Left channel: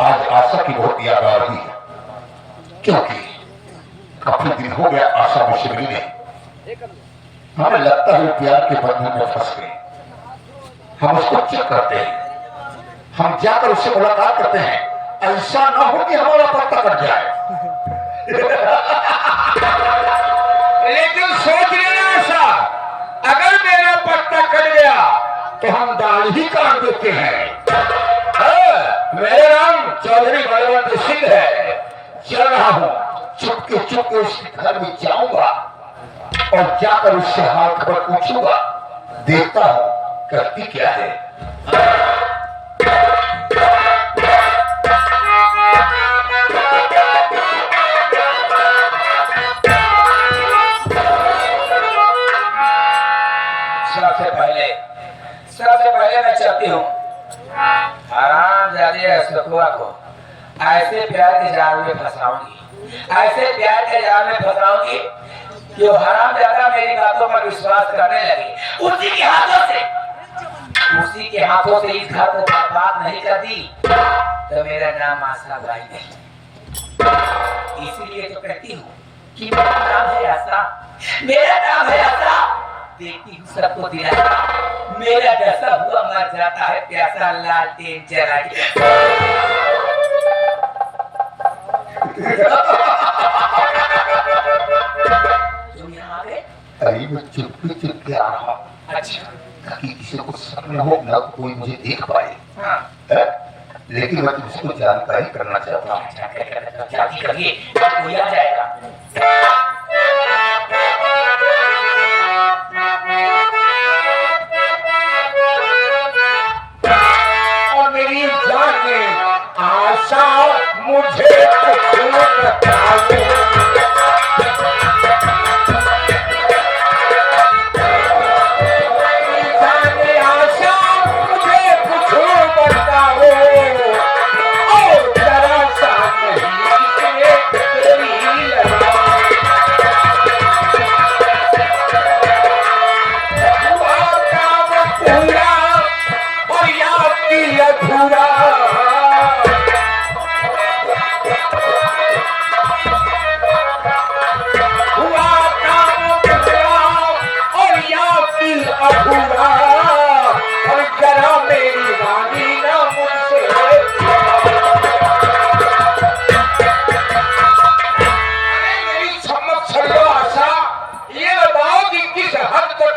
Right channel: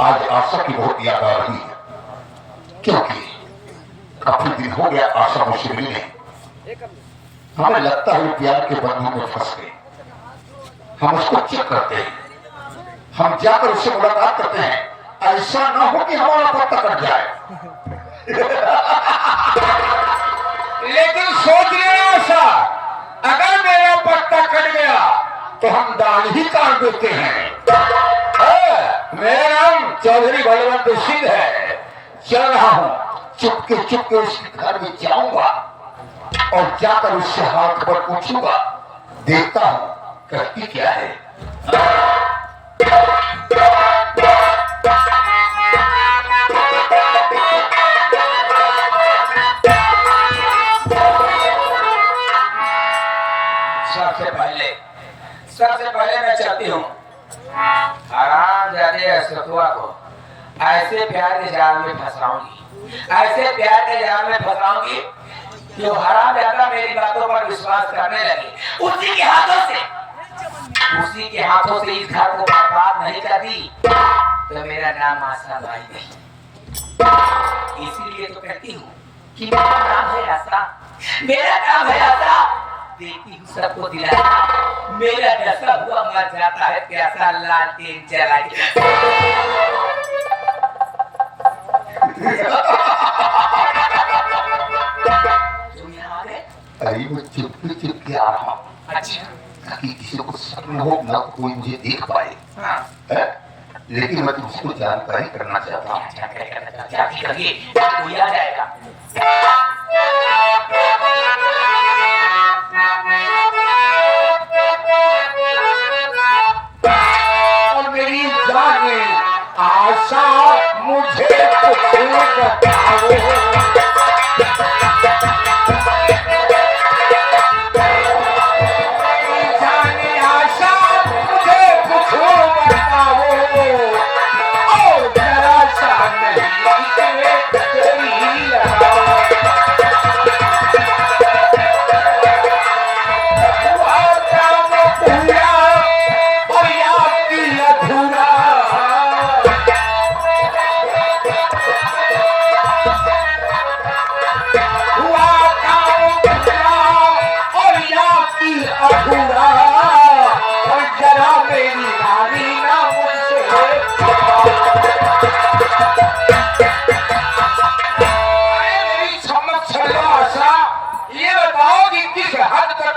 आज आशा की बहुत याद आ रही है, क्योंकि काफी दिन हो गया आशा मुझसे मिलने। हमें लगता है प्यार के बंधन में फंस गए। हम उसको चेक करते हैं, हम जाकर उससे मुलाकात करते हैं, ऐसा ना हो कि हमारा पत्ता कट जाए। लेकिन सोच लेना ऐसा, अगर मेरा पत्ता कट गया तो हम दाल ही काट देते हैं। मेरा नाम चौधरी बलवंत सिंह है। चल रहा हूं, चुपके चुपके उसके घर में जाऊंगा और जाकर उससे हाथ पर पूछूंगा, देखता हूं करती क्या है। सबसे पहले मैं चाहती हूँ हरामजादे सतुआ को ऐसे प्यार के जाल में फंसाऊंगी, ऐसे प्यार के जाल में फंसाऊंगी कि वो हरामजादा मेरी बातों पर विश्वास करने लगी। उसी के हाथों से इस घर को बर्बाद नहीं कर दी तो मेरा नाम आशा भाई नहीं। इसीलिए तो कहती हूँ कि मेरा नाम है आशा, मेरा नाम है आशा। देखती हूँ सबको दिलासा, मेरा जैसा हुआ मर जाता है प्यासा लालटेन जला के। तुम यहाँ आ गए? अरे मैं चुपके चुपके आ रहा हूँ। अच्छा, ताकि किसी को शक न हो, न कोई मुझे देख पाए। हाँ। लेकिन मैं तुझको जानकारी करना चाहता हूँ। जल्दी करिए, कोई आ जाएगा। और मेरी जाने आशा मुझे कुछ बताओ।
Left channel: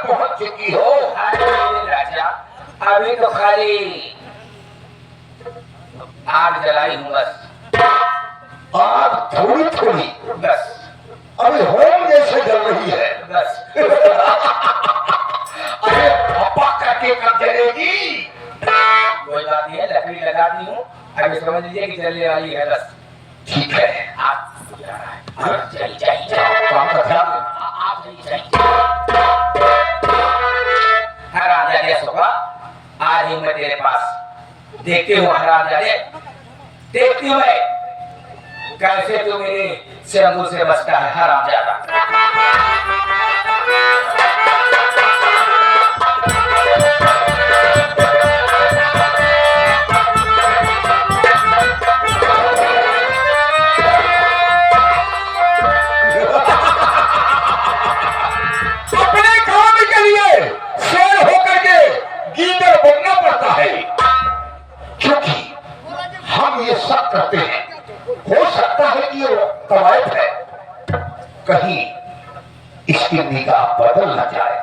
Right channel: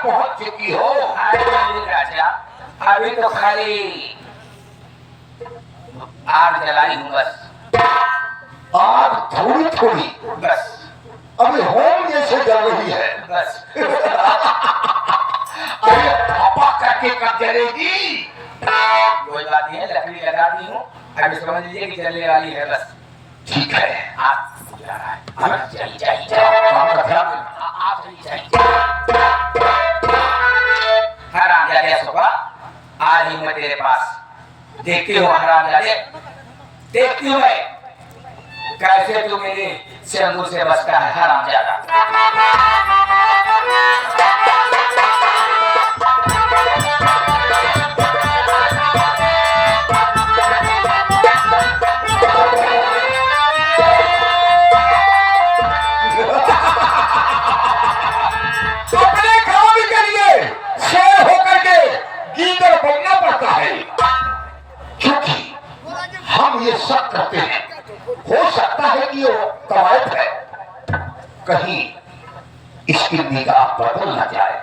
पहुंच चुकी हो। राजा अभी तो खाली आग जलाई हूँ बस। आग थोड़ी थोड़ी बस अभी होम जैसे जल रही है बस। अरे पापा करके कब जलेगी? कोई बात नहीं है, लकड़ी लगा दी हूँ, अभी समझ लीजिए कि जलने वाली है बस। ठीक है, आप जा रहा है, जाइए काम का ध्यान आप जाइए। हरामजादे सुबह आ रही मैं तेरे पास। देखते हो हरामजादे, देखती हूँ मैं कैसे तू मेरे सिर मुंह से बचता है हरामजादा। करते हैं, हो सकता है कि ये कवायद है, कहीं इसकी निगाह बदल न जाए।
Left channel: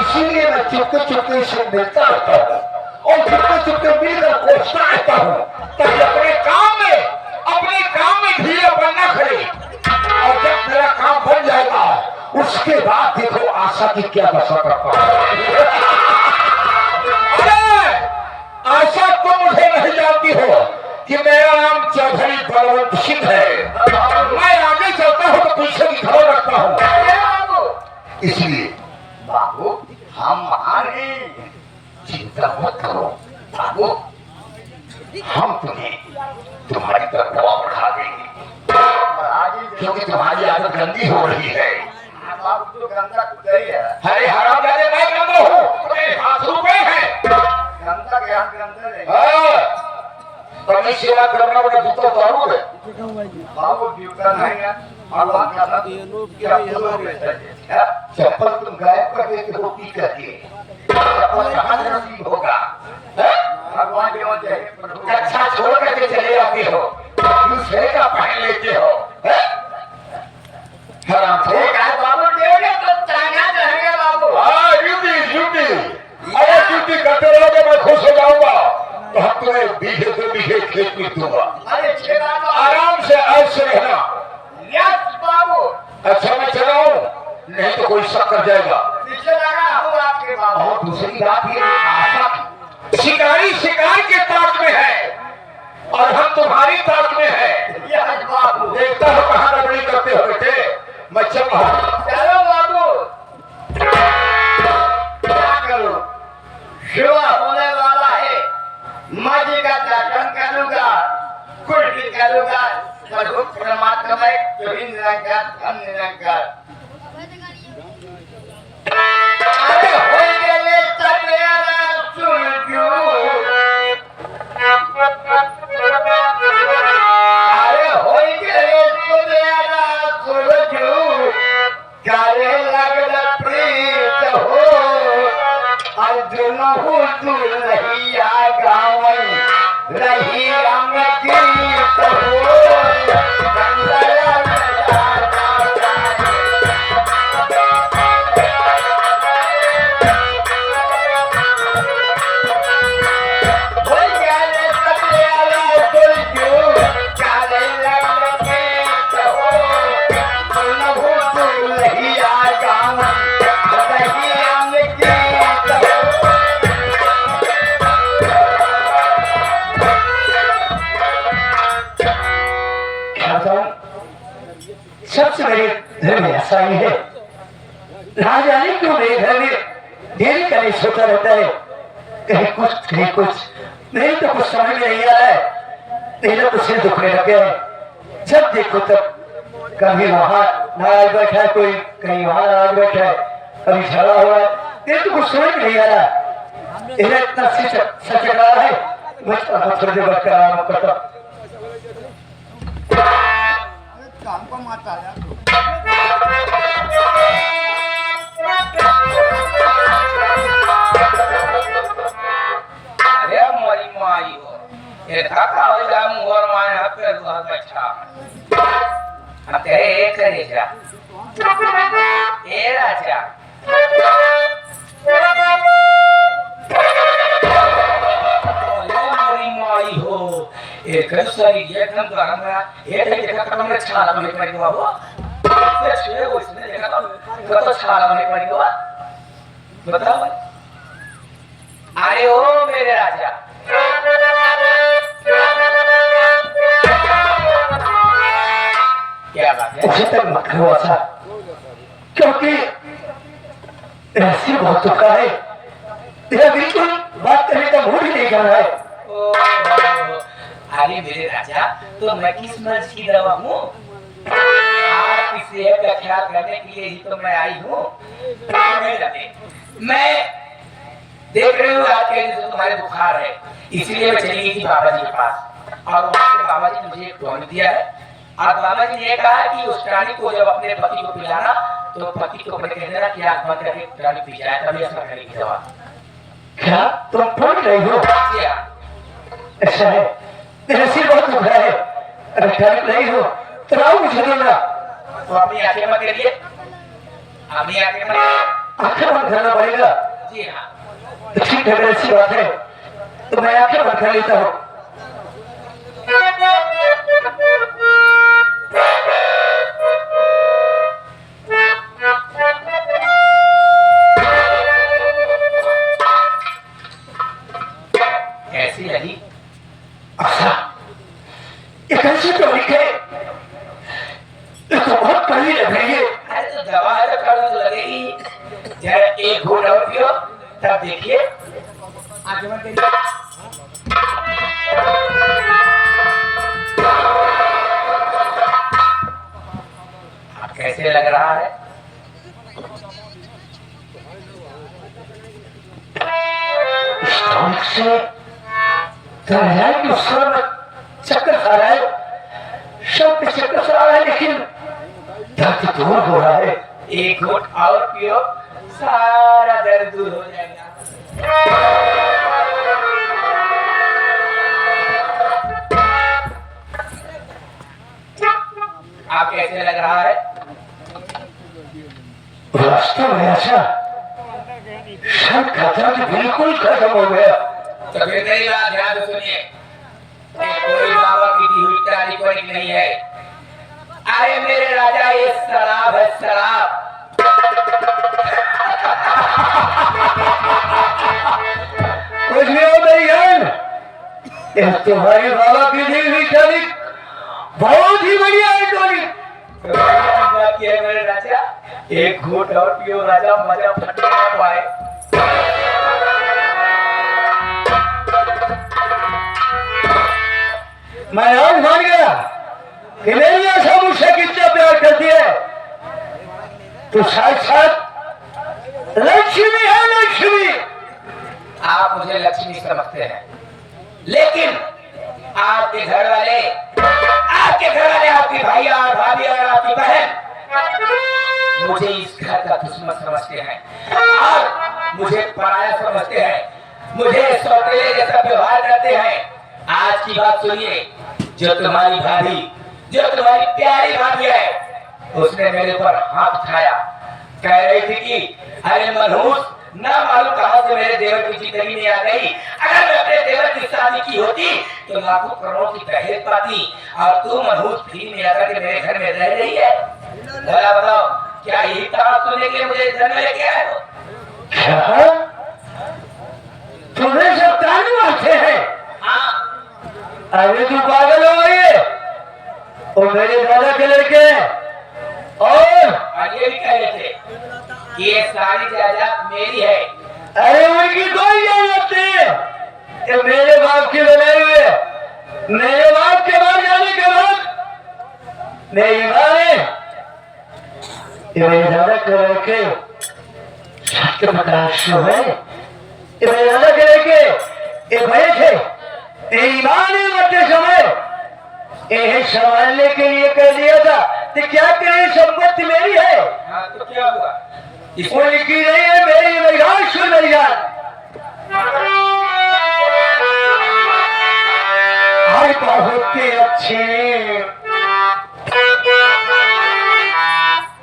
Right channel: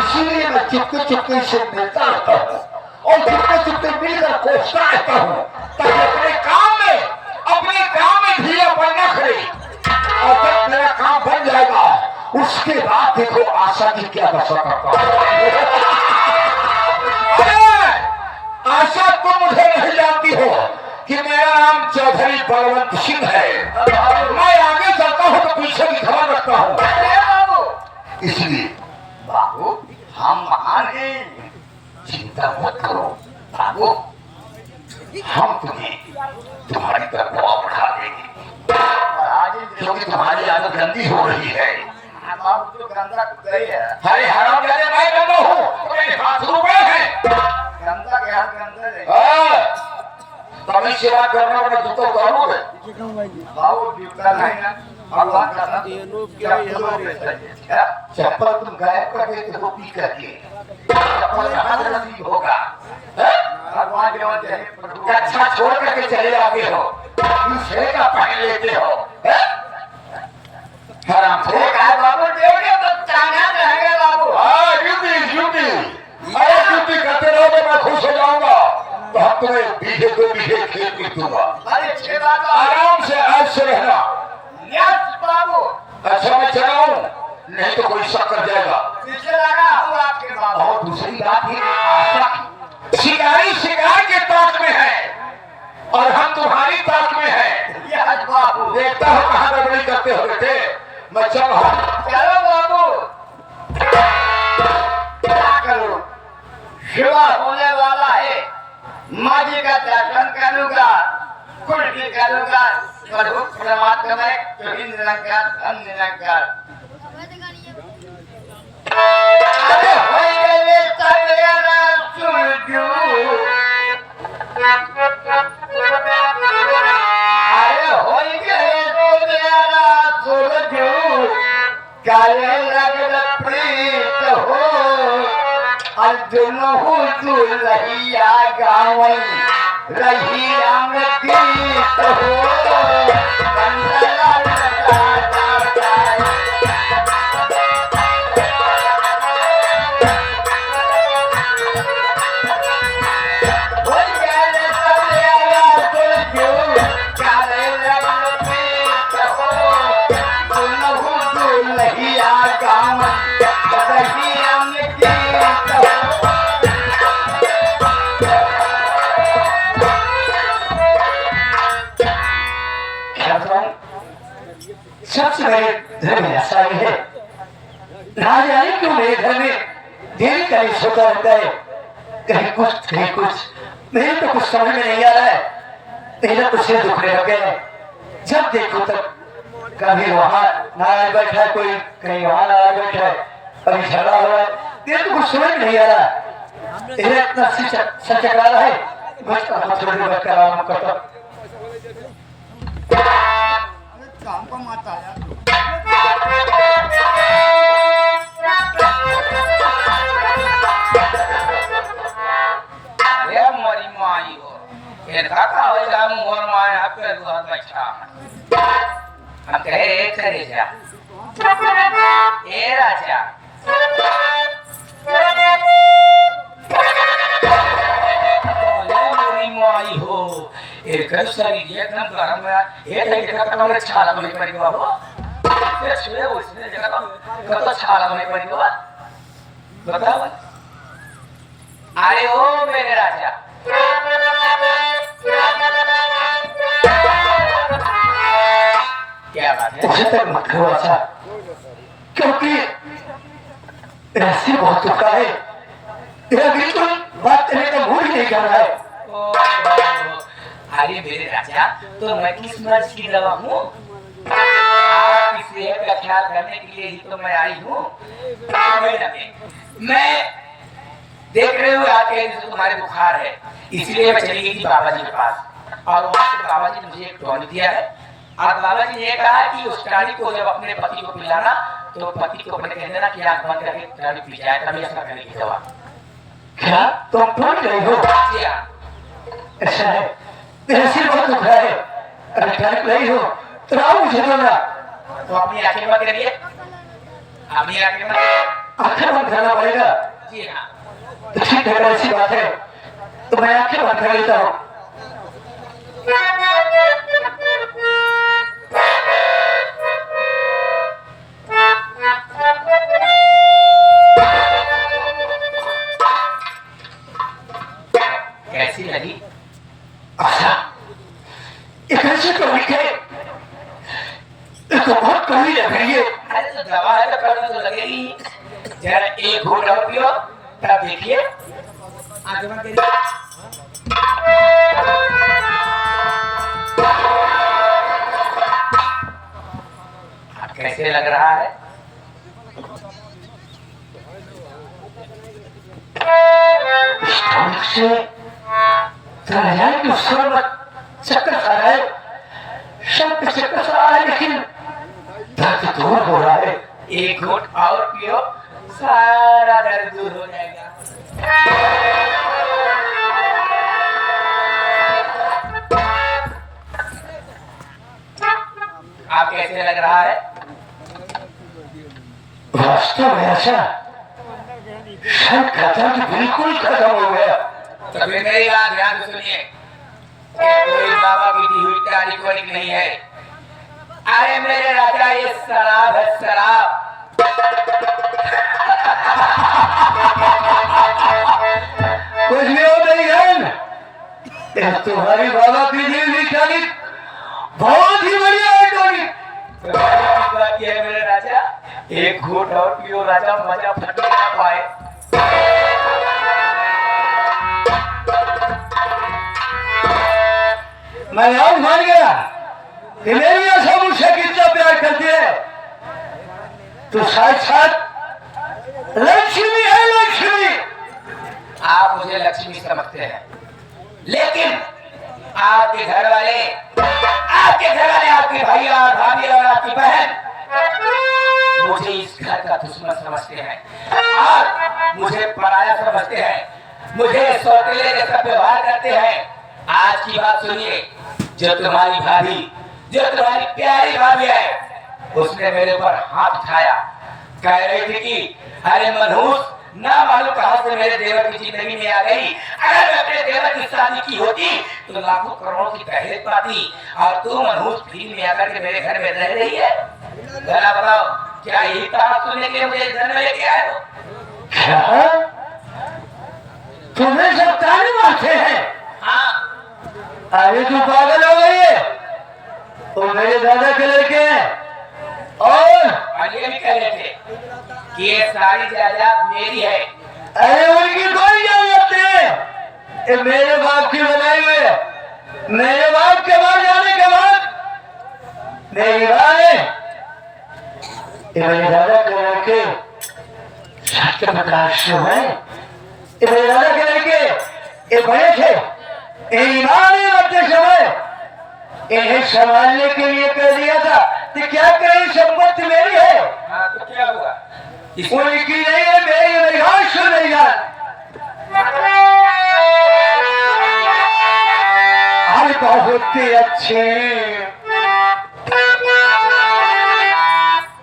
इसीलिए मैं चुपके चुपके से मिलता रहता हूँ और चुपके चुपके मिलकर कोसता रहता हूँ ताकि अपने काम में ढीला बनना खड़े। और जब मेरा काम बन जाएगा उसके बाद देखो आशा की क्या दशा करता हूँ। आशा तुम मुझे नहीं जानती हो कि मेरा नाम चौधरी बलवंत सिंह है। मैं आगे चलता हूँ तो पीछे की खबर रखता हूँ। इसलिए बाबू हम महान हैं, चिंता मत करो बाबू, हम तुम्हें तुम्हारी तरफ दबाव बढ़ा देंगे क्योंकि तुम्हारी आदत गंदी हो रही है। जो गंदा गई है, अरे हरामजादे मैं गंदा हूँ, हाथ रुपए हैं गंदा के हाथ गंदा है। कमी सेवा करना बड़ा जूता उतारू है बाबू जूता नहीं ना भगवान का नाम चप्पल तुम गायब कर देते हो पी करके चप्पल कहाँ से नसीब होगा हैं? भगवान के वजह से कक्षा छोड़ करके चले आते हो दूसरे का पहन लेते हो हैं? हराम खोर ठीक है बाबू देंगे तो ताना रहेंगे बाबू हाँ ड्यूटी ड्यूटी अरे ड्यूटी करते रहोगे मैं खुश हो जाऊंगा तो हम तुम्हें बीघे 2 बीघे खेत में दूंगा अरे छह बात आराम से ऐश से रहना यस बाबू अच्छा मैं चला हूँ नहीं तो कोई शक कर जाएगा पीछे लगा हूँ आपके बाबू और दूसरी बात ये आशा शिकारी शिकार के ताक में है और हम तुम्हारी ताक में है यस बाबू देखता हो कहाँ गड़बड़ी करते हो बेटे मैं चल रहा हूँ चलो बाबू क्या करो सेवा होने वाला है माँ जी का दर्शन करूंगा कुछ भी करूंगा प्रभु परमात्मा में तो निरंकार धन निरंकार अरे हो गए सवेरा सुरजू अरे हो गए सवेरा सुरजू काले लगल प्रीत हो अर्जुन हो तू रहिया गावन रहिया में गीत हो गंगला लगा जाए हो गए सवेरा सुरजू काले लगल प्रीत हो अर्जुन हो तू रहिया गावन रहिया में गीत हो सबसे मेरे घर में ऐसा ही है ना जाने क्यों मेरे घर में देरी का नहीं सोता रहता है कहीं कुछ मेरे तो कुछ समझ में नहीं आ रहा है मेरा कुछ नहीं दुखने लग गया है जब देखो तब कभी वहां नाराज बैठा है कोई कहीं वहां नाराज बैठा है कभी झगड़ा हुआ है मेरे तो कुछ समझ में नहीं आ रहा मेरा इतना सच रहा है मैं थोड़ी देर बैठ कर आराम करता काम को माता यार अरे मोरी माई हो ये काका हो जा मोर माय हाथ पे घर बच्चा अब कहे करे जा ए राजा ये मोरी माई हो एक सरी एकदम गरम है ये देखा तो मेरे छाला में पड़ गया हो ये छुए उसने देखा तो छाला में पड़ गया बताओ आए हो मेरे राजा क्या बात है मुझे तक मत करो ऐसा क्योंकि ऐसी बहुत दुखा है तेरा बिल्कुल बात करने का मूड ही नहीं कर रहा है अरे मेरे राजा तो मैं किस नज की दवा हूँ आप इसे का ख्याल करने के लिए ही तो मैं आई हूँ मैं देख रहे हो आपके तुम्हारे बुखार है इसलिए मैं चली गई थी बाबा जी के पास और वहाँ से बाबा जी ने मुझे एक टॉनिक दिया है और बाबा जी ने कहा कि उस टॉनिक को जब अपने पति को पिलाना तो पति को कह देना कि आत्मा करके टॉनिक पी जाए तभी असर करेगी दवा क्या तुम टोक रही हो जी हाँ ऐसा है मेरा सिर बहुत दुख रहा है अगर टोक रही हो तो आओ मुझे लेना तो अपनी आंखें मत करिए अपनी आंखें मत आंखें बंद करना पड़ेगा जी हाँ तो ठीक है ऐसी बात है तो मैं आंखें बंद कर लेता हूँ कैसी लगी अच्छा ये कैसे तो लिखे ये तो बहुत कड़ी लग रही है अरे तो दवा है तो कड़वी तो लगेगी जरा एक घूंट और पियो तब देखिए आगे मत करिए कैसे लग रहा है स्टॉक से तो जाने कि उस समय चक्कर खा रहा है, सब के चक्कर से आ रहा है, लेकिन दर्द दूर हो रहा है। एक घूंट और पियो, सारा दर्द दूर हो जाएगा। आप कैसे लग रहा है? रास्ते में ऐसा सब खत्म बिल्कुल खत्म हो गया। तो फिर मेरी बात ध्यान से सुनिए, कोई बाबा की दी हुई तारीख वारीख नहीं है। अरे मेरे राजा, ये शराब है, शराब। कुछ भी हो मेरी बहन, ये तुम्हारी बाबा की दी हुई तारीख बहुत ही बढ़िया है टोनी। तो बात ये है मेरे राजा, एक घूंट और पियो राजा, मजा फटने ना पाए। मैं आज मान गया कि मेरी आशा मुझसे कितना प्यार करती है, तो साथ लक्ष्मी है, लक्ष्मी। आप मुझे लक्ष्मी समझते हैं, लेकिन आपके घर वाले, आपके भाई और भाभी और आपकी बहन मुझे इस घर का दुश्मन समझते हैं और मुझे पराया समझते हैं, मुझे सौतेले जैसा व्यवहार करते हैं। आज की बात सुनिए, जो तुम्हारी भाभी, जो तुम्हारी प्यारी भाभी है, उसने मेरे ऊपर हाथ उठाया, कह रही थी कि अरे मनहूस, ना मालूम कहां से मेरे देवर की जिंदगी में आ गई। अगर मैं अपने देवर की शादी की होती तो लाखों करोड़ों की दहेज पाती, और तू मनहूस फ्री में आकर के मेरे घर में रह रही है। जरा बताओ, क्या यही कहा सुनने के लिए मुझे घर में लेके आए हो? क्या तुम्हें सब कानून आते हैं? हाँ, अरे तू पागल हो गई है, वो मेरे दादा के लड़के और ये भी कह रहे थे कि ये सारी जायदाद मेरी है। अरे उनकी कोई जरूरत नहीं, ये मेरे बाप की बनाई हुई है। मेरे बाप के मर जाने के बाद मेरी माँ ने ये मेरे दादा के लड़के सत्य प्रकाश है, ये मेरे दादा के लड़के ये बड़े थे, ईमान रखते समय ये संभालने के लिए कह दिया था कि क्या कहीं संपत्ति मेरी है? हाँ, तो क्या हुआ? उनकी नहीं है, मेरी निगाह सुन रही है। हर बहुत ही अच्छी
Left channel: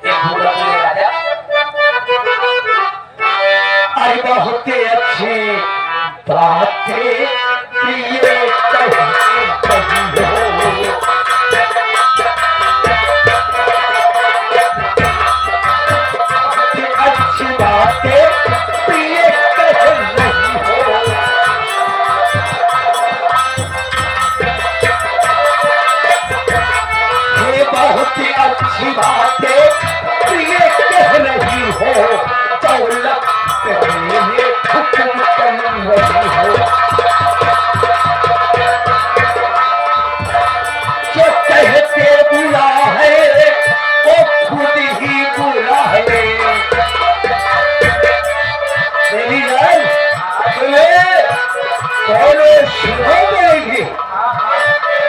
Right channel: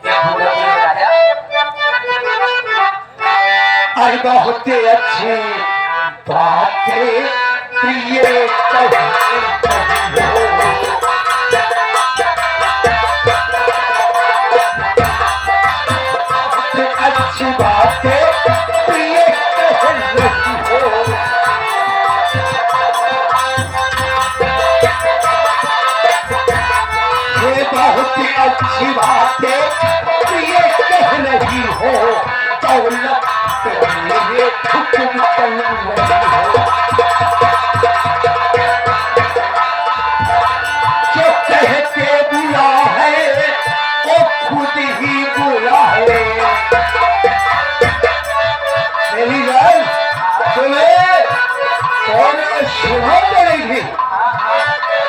राजा, हर बहुत ही अच्छी बातें प्रिय अच्छी बातें प्रिय ये बहुत ही अच्छी बातें प्रिय कह रही हो, दौलत मेरे हुक्म कर रही हो। जो कहते बुरा है वो खुद ही बुरा है। मेरी जान सुने, सुनो मेरी,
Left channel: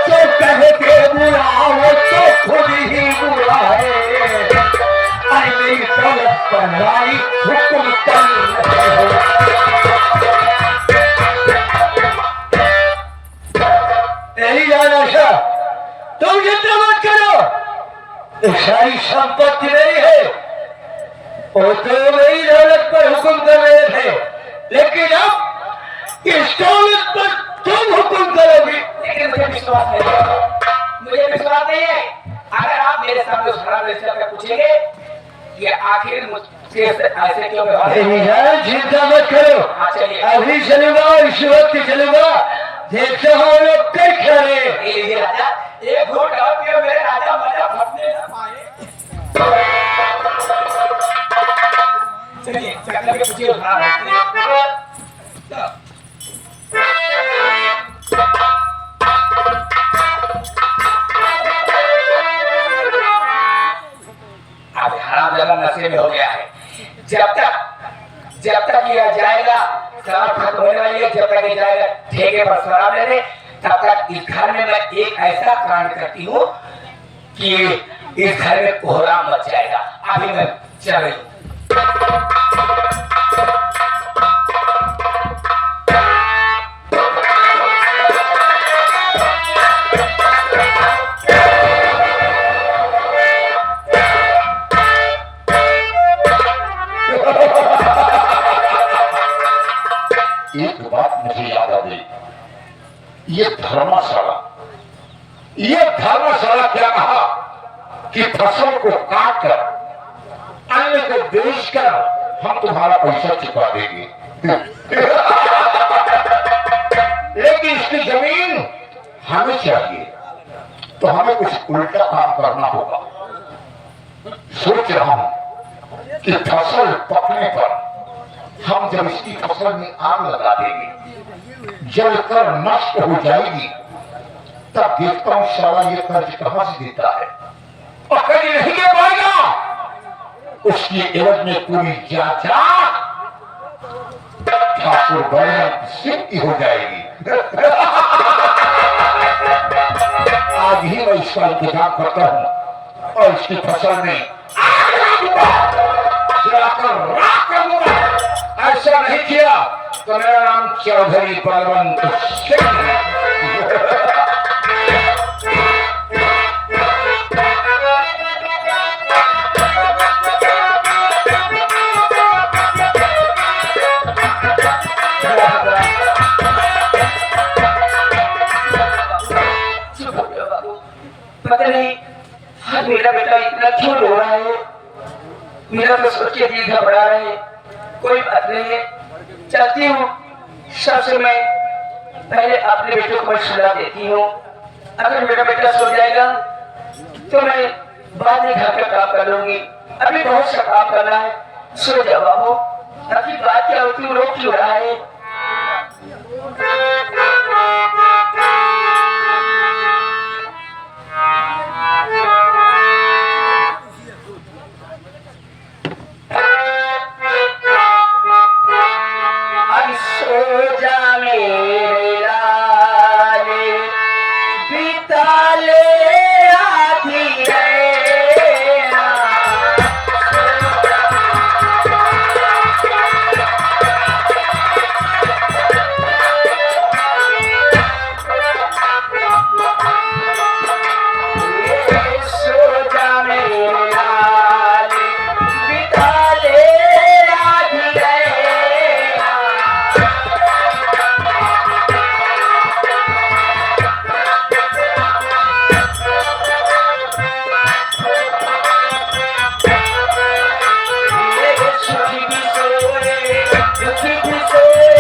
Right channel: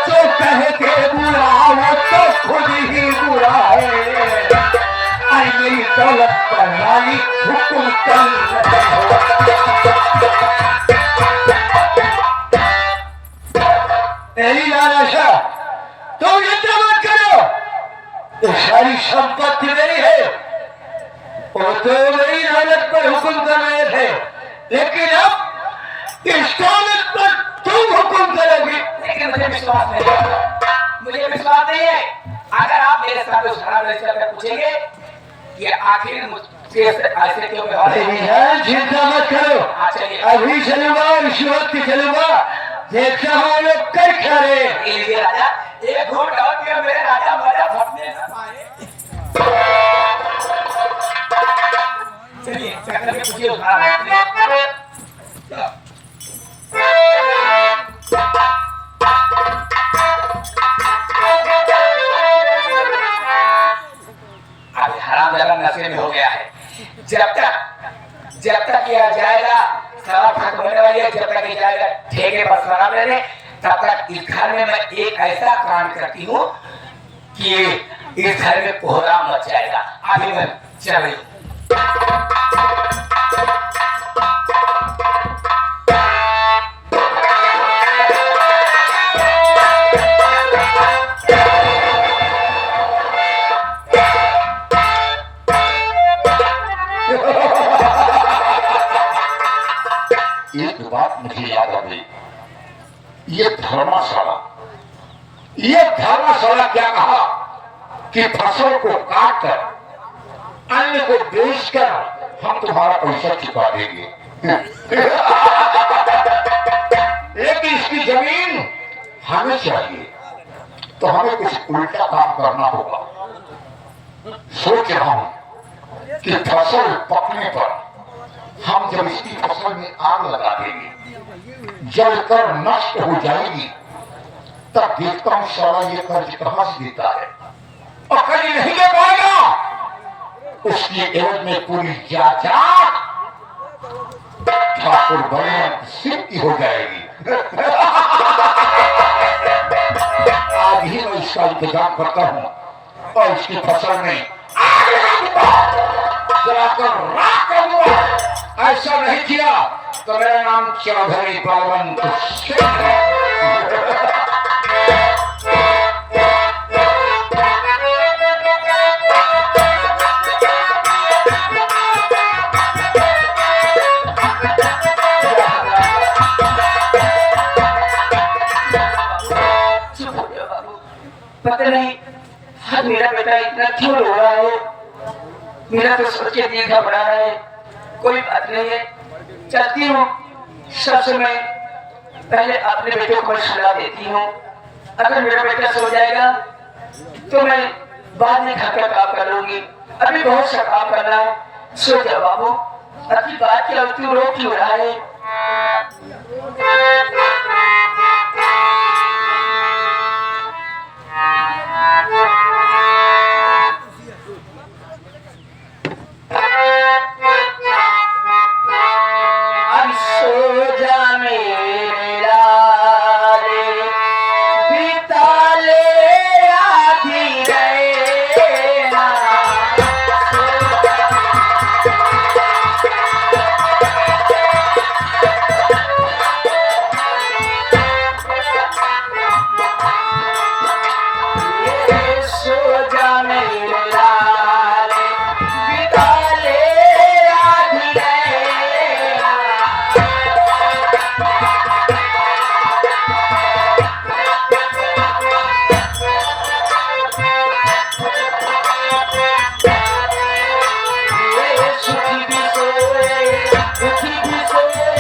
जो कहते बुरा वो तो खुद ही बुरा है। मेरी दौलत पर रानी हुक्म कर रहे हो। मेरी जान आशा, तुम जितना मत करो, ये सारी संपत्ति मेरी है। वो तो मेरी दौलत पर हुक्म कर रहे थे, लेकिन अब इस दौलत पर तुम हुक्म करोगी। लेकिन मुझे विश्वास नहीं है, मुझे विश्वास नहीं है। अगर आप मेरे साथ उस खराब रिश्ते का पूछेंगे कि आखिर मुझसे ऐसे क्यों व्यवहार मेरी जान चिंता मत करो, हाँ, चलिए। अभी चलूंगा, इस वक्त चलूंगा, देखते हम लोग कई खड़े। ये लीजिए राजा, एक घूंट और पियो मेरे राजा, मजा फटने ना पाए। चलिए चक्कर के पूछिए उस खराब रिश्ते। अब हराम जलन नशे में हो गया है। जब तक किया जाएगा शराब खत्म होने वाली है, जब तक ये जाएगा ठेके पर शराब ले रहे, तब तक इस घर में मैं एक ऐसा कांड करती हूँ कि इस घर में कोहराम मच जाएगा। अभी मैं चल रही हूँ। एक बात मुझे याद आ गई, ये धर्मशाला क्या कहा कि फसल को काट कर अन्न को बेचकर हम तुम्हारा पैसा चुका देंगे। लेकिन इसकी जमीन हमें चाहिए, तो हमें कुछ उल्टा काम करना होगा। सोच रहा हूं कि फसल पकने पर हम जब इसकी फसल में आग लगा देंगे, जलकर नष्ट हो जाएगी, तब देखता हूं साला ये कर्ज कहां से देता है, और कर्ज नहीं दे पाएगा, उसकी एवज में पूरी जाचा ठाकुर बर्मन सिंह की हो जाएगी। आज ही मैं इसका इंतजाम करता हूं और इसकी फसल में जलाकर राख कर दूंगा। ऐसा नहीं किया तो मेरा नाम चौधरी बलवंत सिंह है। पता नहीं आज मेरा बेटा इतना क्यों रो रहा है, मेरा तो सोच के दिल घबरा रहा है। कोई बात नहीं है, चलती हूँ। सबसे मैं पहले अपने बेटे को सुला देती हूँ। अगर मेरा बेटा सो जाएगा तो मैं बाद में घर का काम कर लूंगी। अभी बहुत सा काम करना है। सो जाओ बाबू। अभी बात क्या होती है, रो क्यों रहा है? सो जा मेरे लाले, बिता ले आधी रैना। सो जा मेरे लाले, बिता ले आधी रैना। सुखी भी सोए, दुखी भी सोए,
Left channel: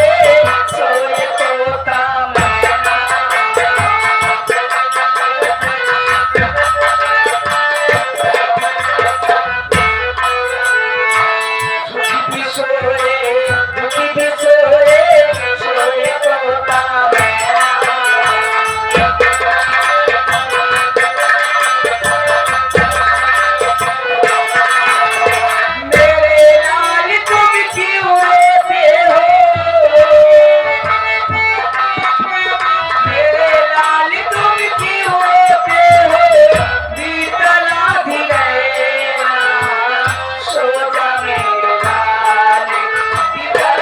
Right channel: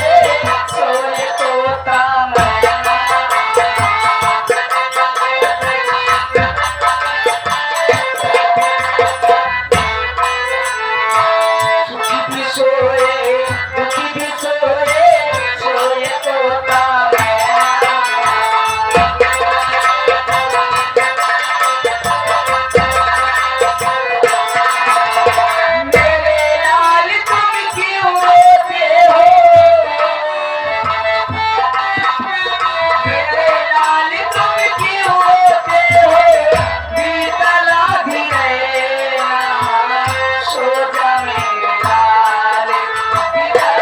सोए तोता मैना। सुखी भी सोए, दुखी भी सोए, सोए तोता मैना। मेरे लाल तुम क्यों रोते हो? मेरे लाल तुम क्यों रोते हो? बीतला भी रैना। सो जा मेरे लाल, बीतला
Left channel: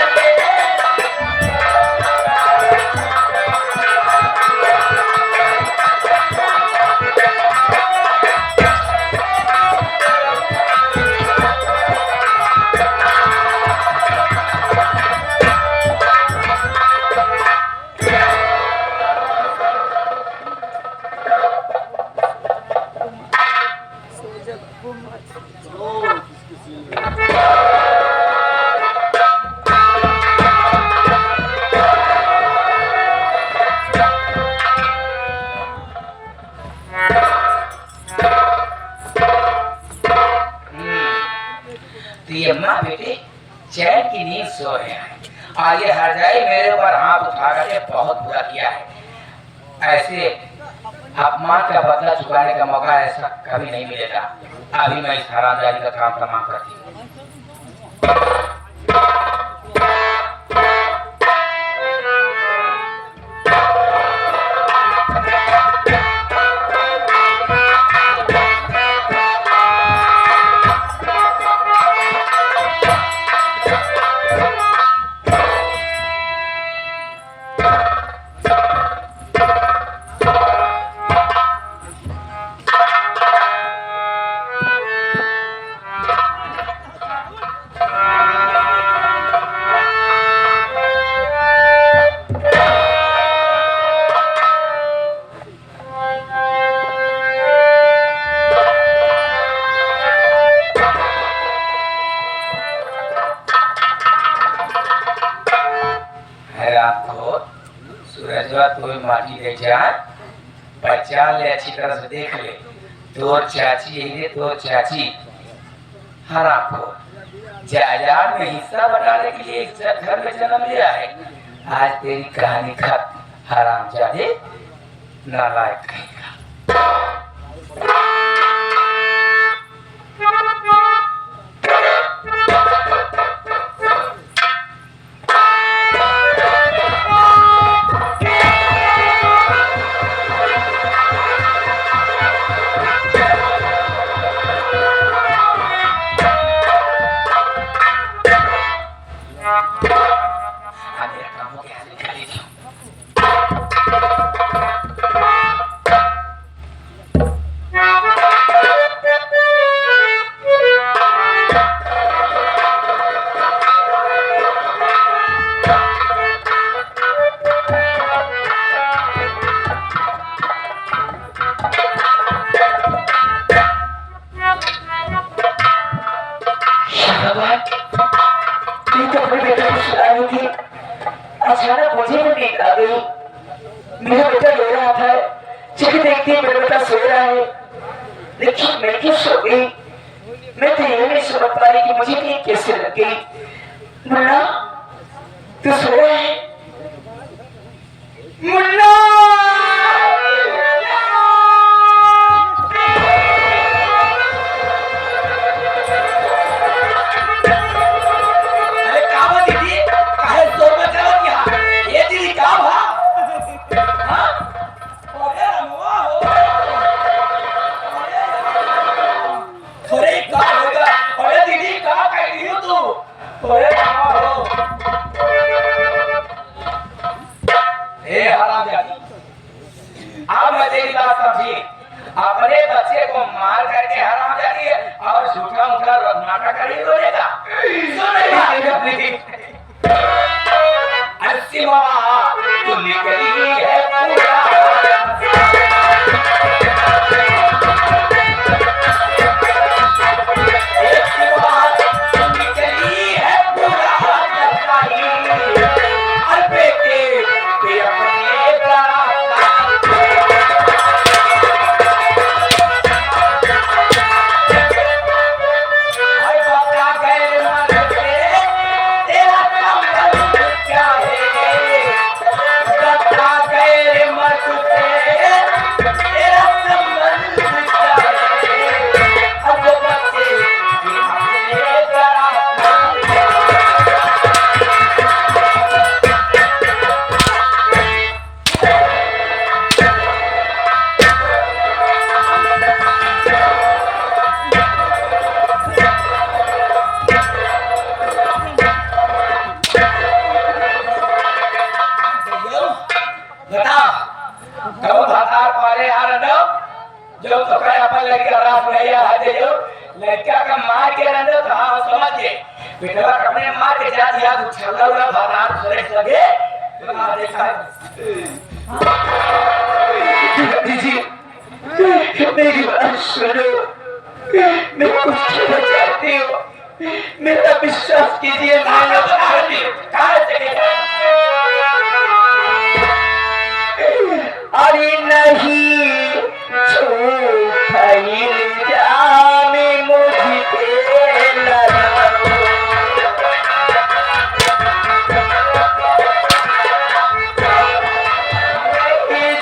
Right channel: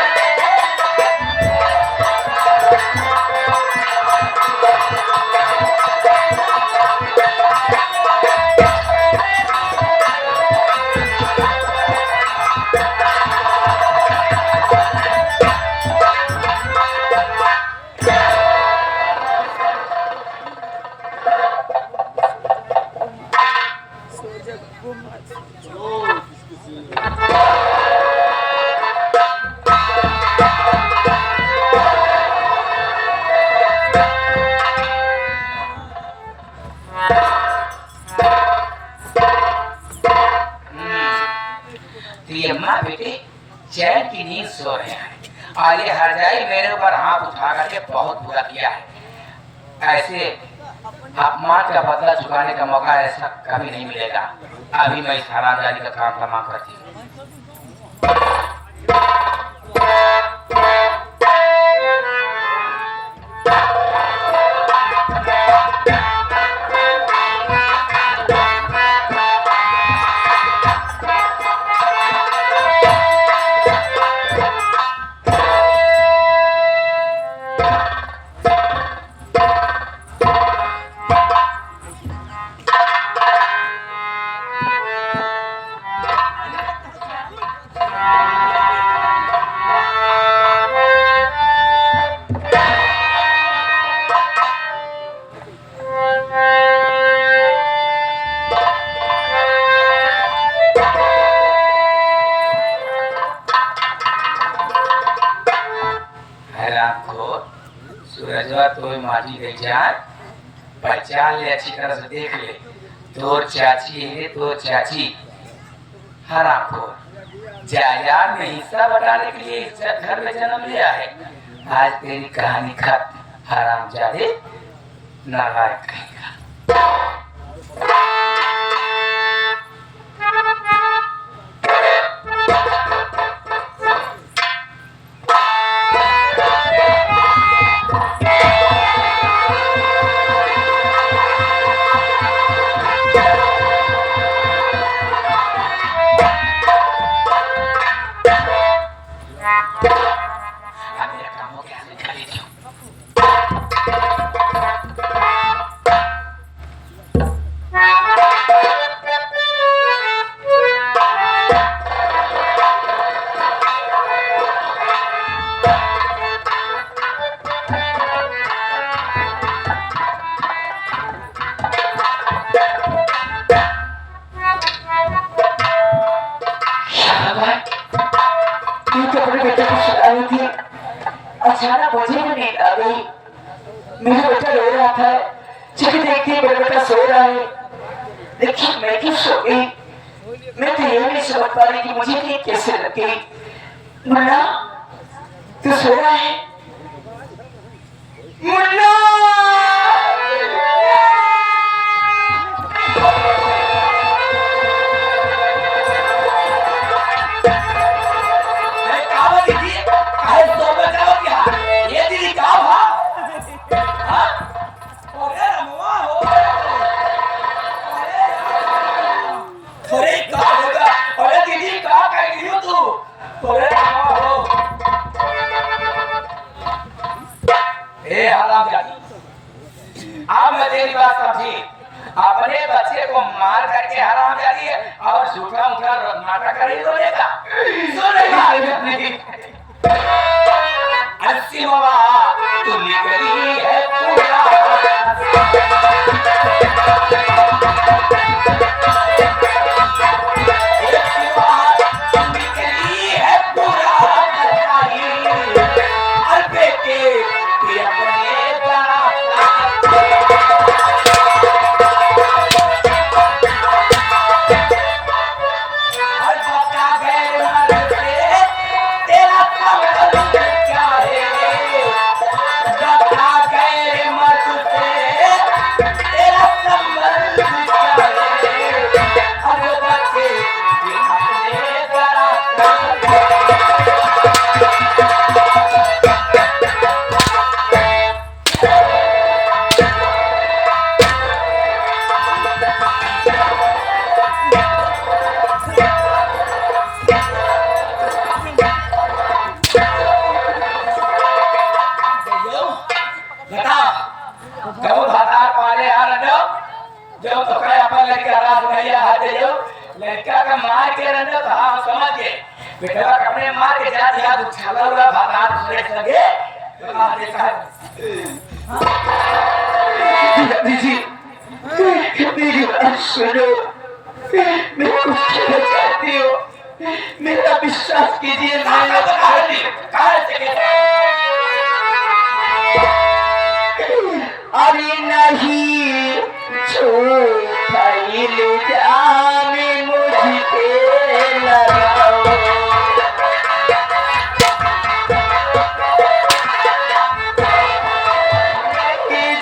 तो ये अम्मा बेटे चैन की नींद सो रहे हैं। आगे हर जाए मेरे ऊपर हाथ उठा करके बहुत बुरा किया है। ऐसे अपमान का बदला चुकाने का मौका ऐसा कभी नहीं मिलेगा। अभी मैं इस हरामजादी का काम तमाम करती हूँ। माटी दे जाए, पहचान ले, अच्छी तरह से देख ले। तोर चाची है, तोर चाची हरामखोर, जायदाद में हिस्सा बटाने के लिए इस घर में जन्म लिया है। आज तेरी कहानी खत्म, हरामजादे, नालायक कहेगा। मेरा काम हो गया, निकल जाओ। ये कपड़े बेटे को सुलाई थी, अचानक मुझे भी नींद आ गई। मेरा बेटा रो रहा था, जब देखती मेरा बेटा सो रहा है, लेकिन मैं क्यों सो गई? मैं तो ये नहीं समझ पा रही कि मुझे नींद कैसे लग गई। मुन्ना, तू सो रहा है? मुन्ना! अब मैं तेरी बात समझी, अपने बच्चे को मार करके हरामजादी और झूठा उठा नाटक करी बोलेगा, सुनेगा। अस्सी बाबा तू निकली है पूरा, लड़का का मार के रहने तो हाँ समझ गए, बेटा कपड़े मार के जा दिया तो छल्ला उला भातार फ्रेश लगे तो हाँ देखा दीदी, मेरी बात सुनो, मैं कुछ कहना चाहती हूँ, मेरा विश्वास कीजिए। मैंने अरे नहीं झूठा इल्जाम मुझ पे लगाओ,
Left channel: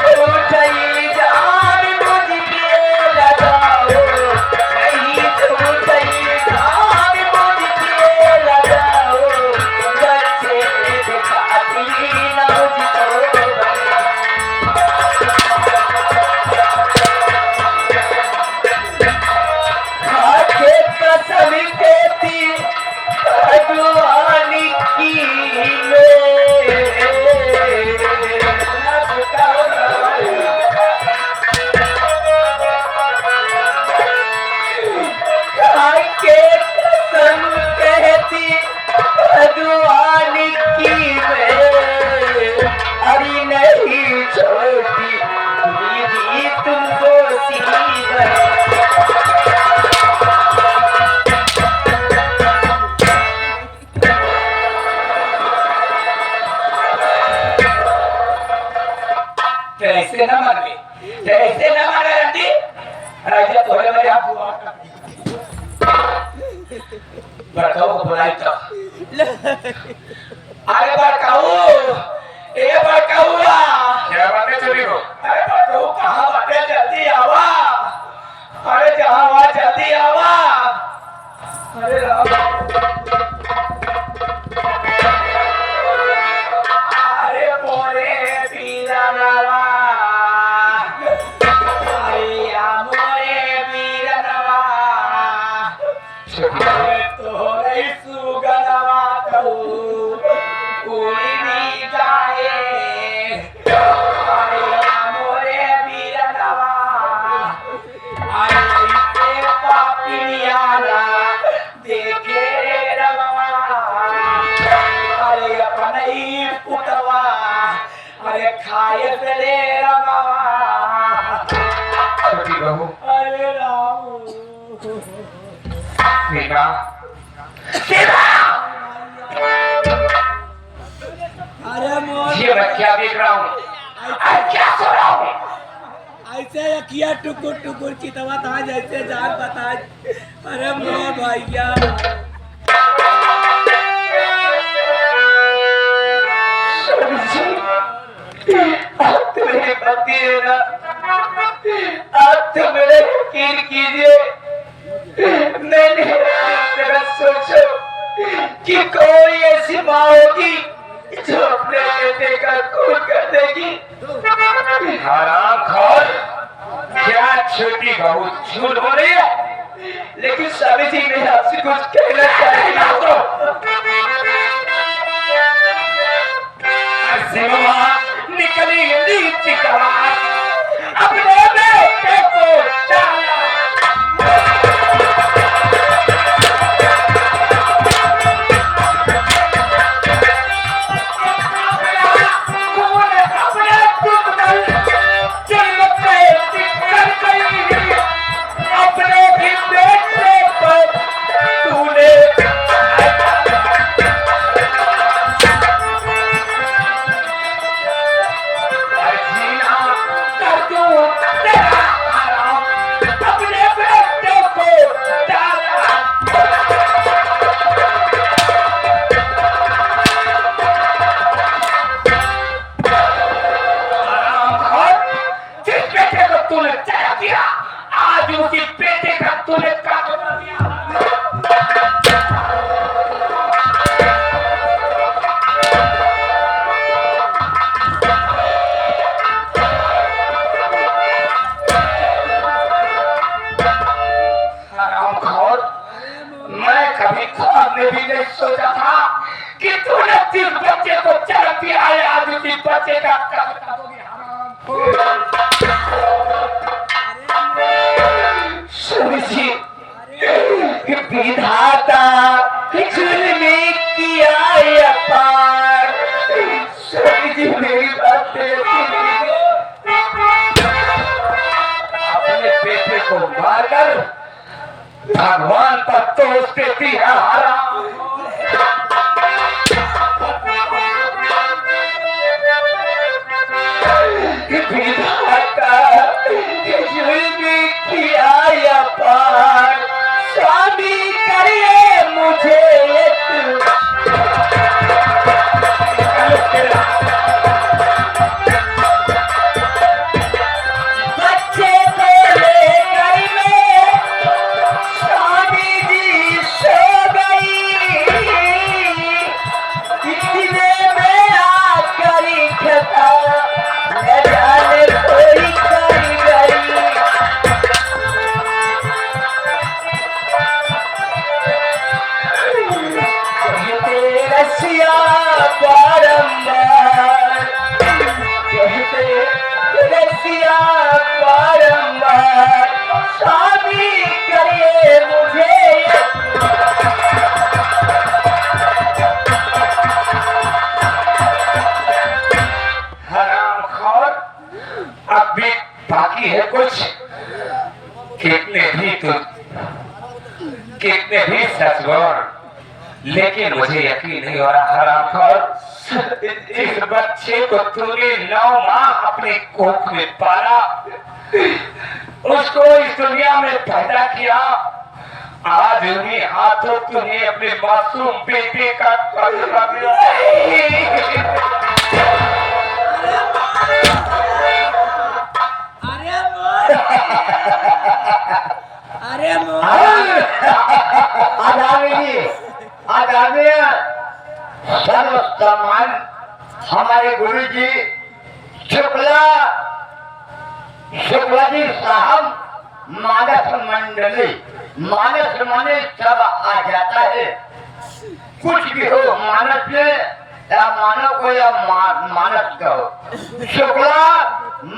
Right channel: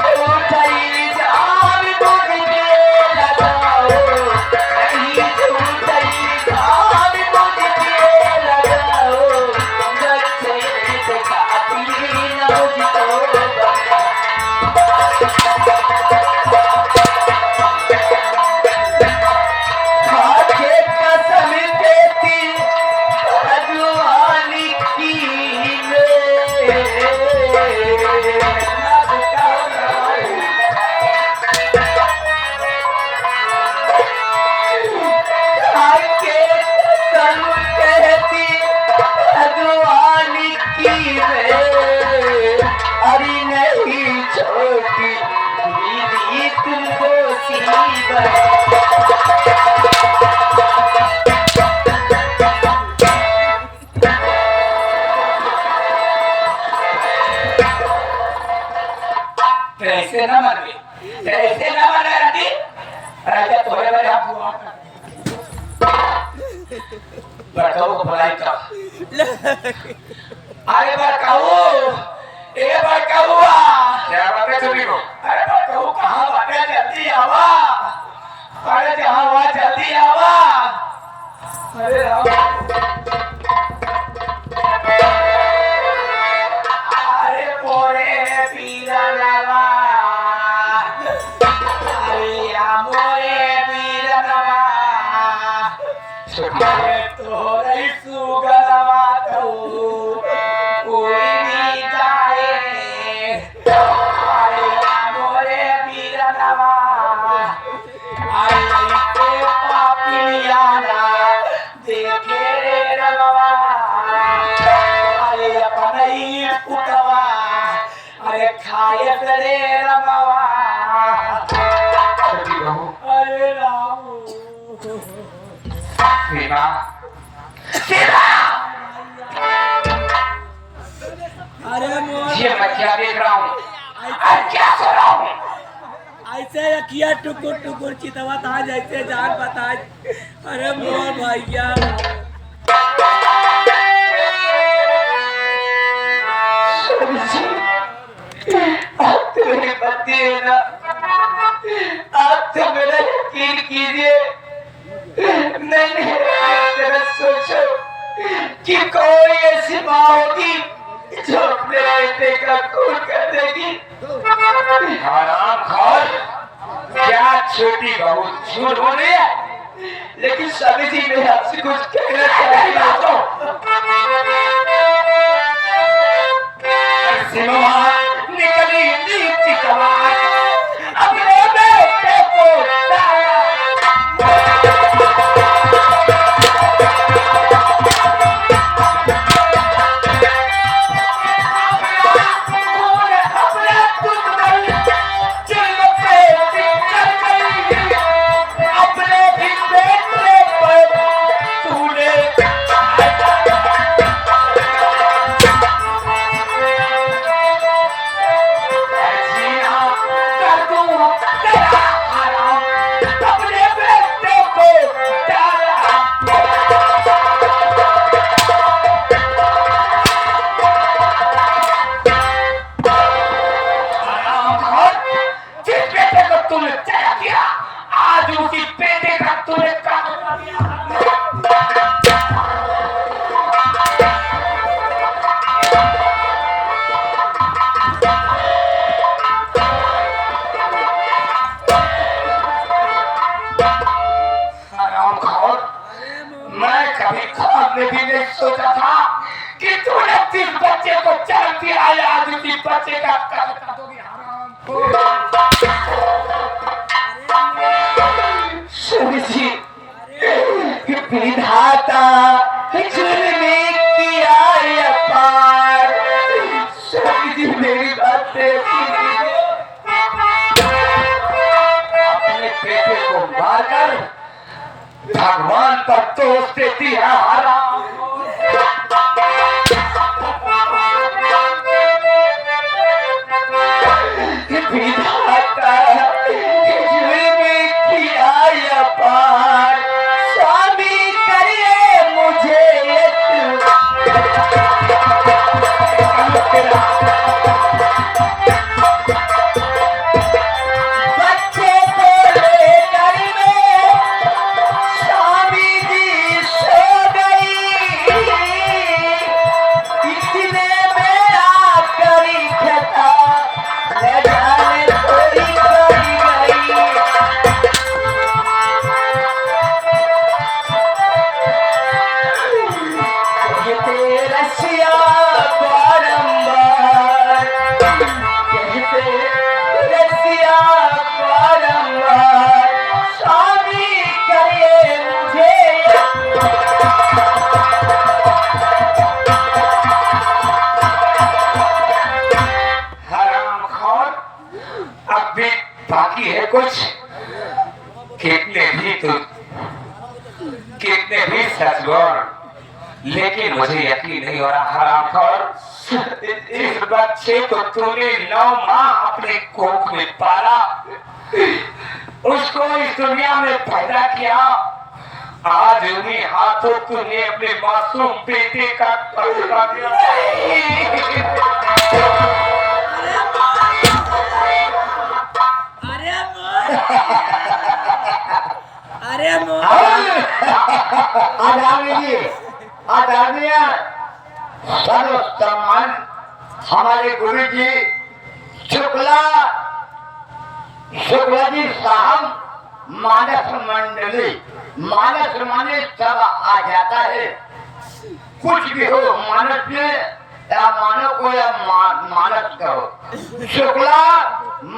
झूठा इल्जाम मुझ पे लगाओ, नहीं झूठा इल्जाम मुझ पे लगाओ, बच्चे दिखाती ना मुझको। ऐसे ना मारे आंटी ऐसे थोड़े मेरे आप बड़काऊ को बुलाई तो अरे बड़काऊ ये बड़काऊ क्या बातें चल रही हो? अरे बड़काऊ कहाँ बातें जल्दी आवा अरे जहाँ हुआ जल्दी आवा अरे राम अरे मोरे पीरा नवा अरे मोरे पीरा नवा अरे तोरे सुगरवा तो कोई भी जाए अरे मोरे पीरा नवा अरे इसे पापियाना देखे रवा अरे अपने ही पुतवा अरे खाए चले रवा छोटी बहू अरे राम सीमा अरे मोर ये मैं क्या देख रहा हूँ? क्या सो रहा हूँ? ऐसे किया टुकुर टुकुर चितवा था जैसे जान बता अरे मोर भैया आप तो मेरे पति है ना आप तो मेरा यकीन कीजिए मैंने जरा सोचो कि कोई ऐसी माँ होगी जो अपने बेटे का खून कर देगी हराम खोर, क्या छोटी बहू झूठ बोल रही है? लेकिन स्वामी जी मैं आपसे कुछ कहना चाहती हूँ निकली नीति कमाल अपने बेटे को डाला। आज उसी बेटे का तूने काट मैं कभी ख्वाब में भी नहीं सोचा था कि तूने जिस बच्चे को चल पिलाए आज उसी बच्चे का कत्ल दोगी जी विधाता जुल्मी किया अपार स्वामी जी मेरी बात अपने बेटे को मारकर भगवान पर दोष देती है हराम। विधाता जुल्मी किया अपार स्वामी करिए मुझे बच्चे को लेकर मैं स्वामी जी सो गई इतने में आकर खता न जाने कोई करी गई कहते रसिया बारंबार कहते रसिया बारंबार शादी करिए मुझे हराम खोर, अब भी बाकी है कुछ। कितने भी सच बोल, लेकिन मुझे यकीन नहीं हो रहा हराम खोर, इस बच्चे को तूने 9 माह अपने कोख में पाला मुझको इस दुनिया में पैदा किया, आज उन्हीं हाथों तूने अपने मासूम बेटे का कत्ल कर दिया। अरे मोर आगामी जी, आगामी सर्व सम्मान हमारे गुरु जी शुक्ला जी साहब मानस मंडली, मानस माने सब आ जाता है, कुछ भी हो मानस में या मानव को या मानस कहो। शुक्ला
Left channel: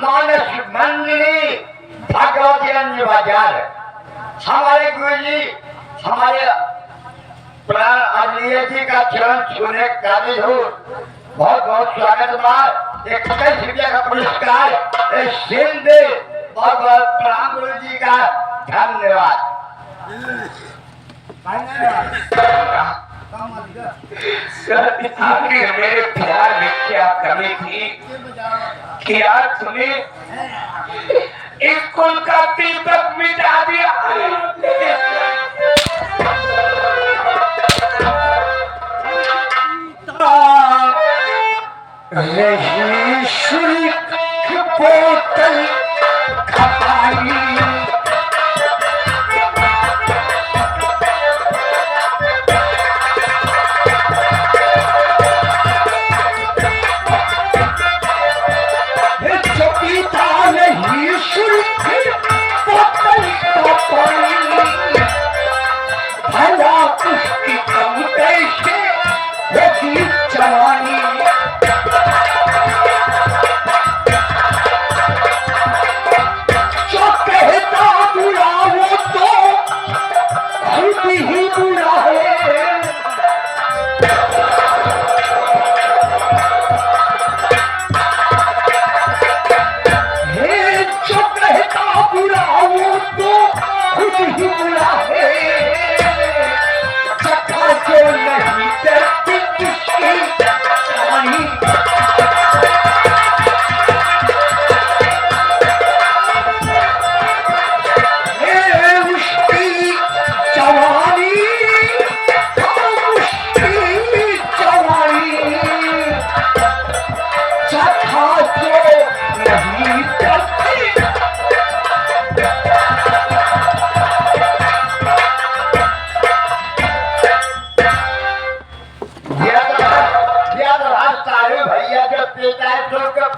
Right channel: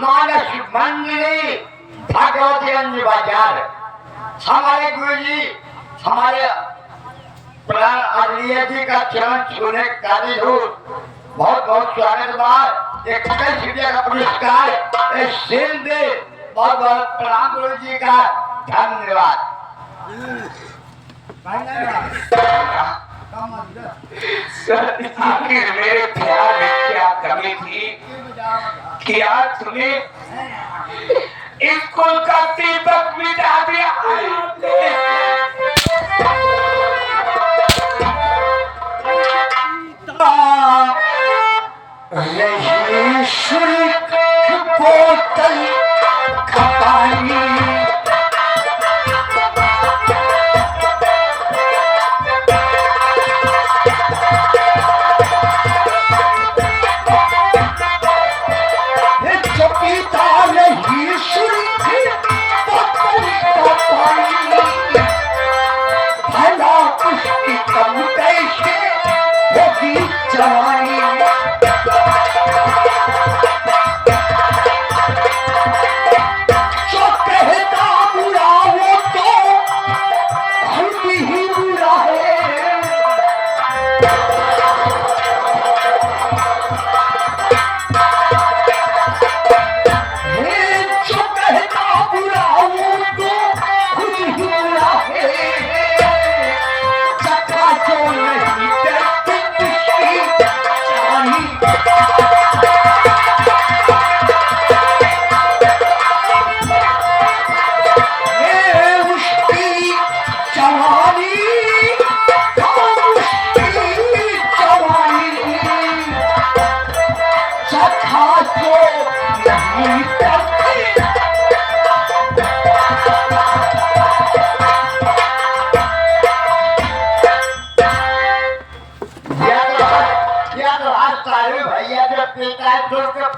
मानस मंडली भगवतीगंज बाजार, हमारे गुरु जी हमारे प्राण अवलिया जी का चरण छूने काबिल हो, बहुत बहुत स्वागत बा। एक रुपया का पुरस्कार सिंध दे, बहुत बहुत प्रणाम गुरु जी का, धन्यवाद। आखिर मेरे प्यार में क्या कमी थी कि आज तूने स्कूल का दीपक मिटा दिया। बोतल खपाई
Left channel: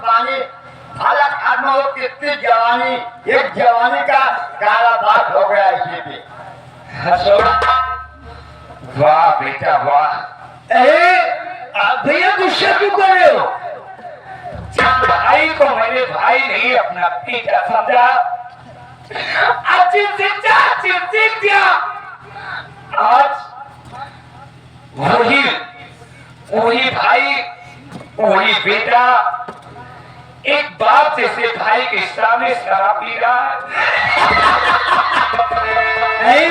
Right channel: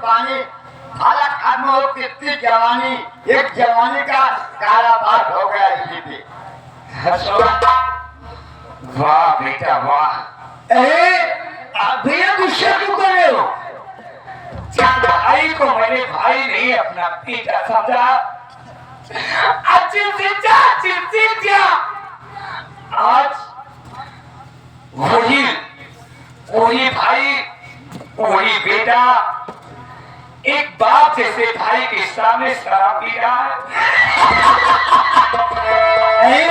पानी भाला खाना हो, कितनी जवानी, एक जवानी का कारावास हो गया इसी पे। वाह बेटा वाह। भैया गुस्सा क्यों कर रहे हो? जब भाई को मैंने भाई नहीं अपना बेटा समझा, आज आज वही भाई वही बेटा एक बाप जैसे भाई के सामने शराब पी रहा है।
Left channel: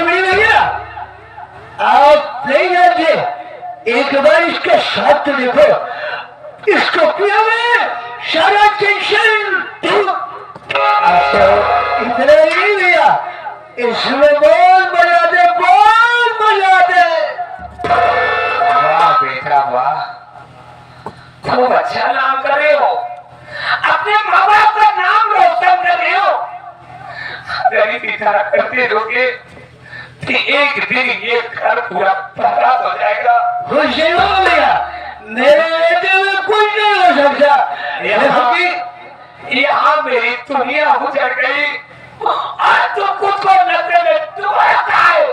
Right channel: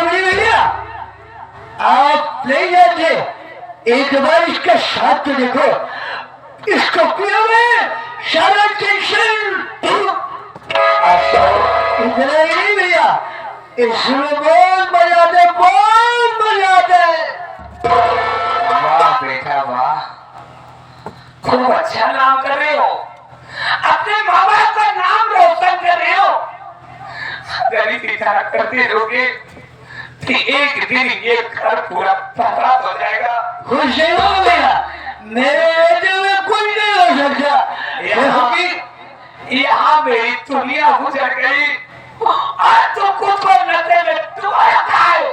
भैया आप नहीं जानते, एक बार इसका साथ तो देखो, इसको पिया में सारा टेंशन इतना ही नहीं भैया, इसमें बहुत मजा दे, बहुत मजा दे। वाह बेटा वाह, खूब अच्छा नाम कर रहे हो, अपने माँ बाप का नाम रोशन कर रहे हो। अगर इसी तरह करते रहोगे तो एक दिन ये घर पूरा बर्बाद हो जाएगा। खुश हो भैया, मेरे दिल में कुछ नहीं हो सकता। यहाँ मेरी दुनिया गुजर गई और तू खुद को नशे में डुबाता है।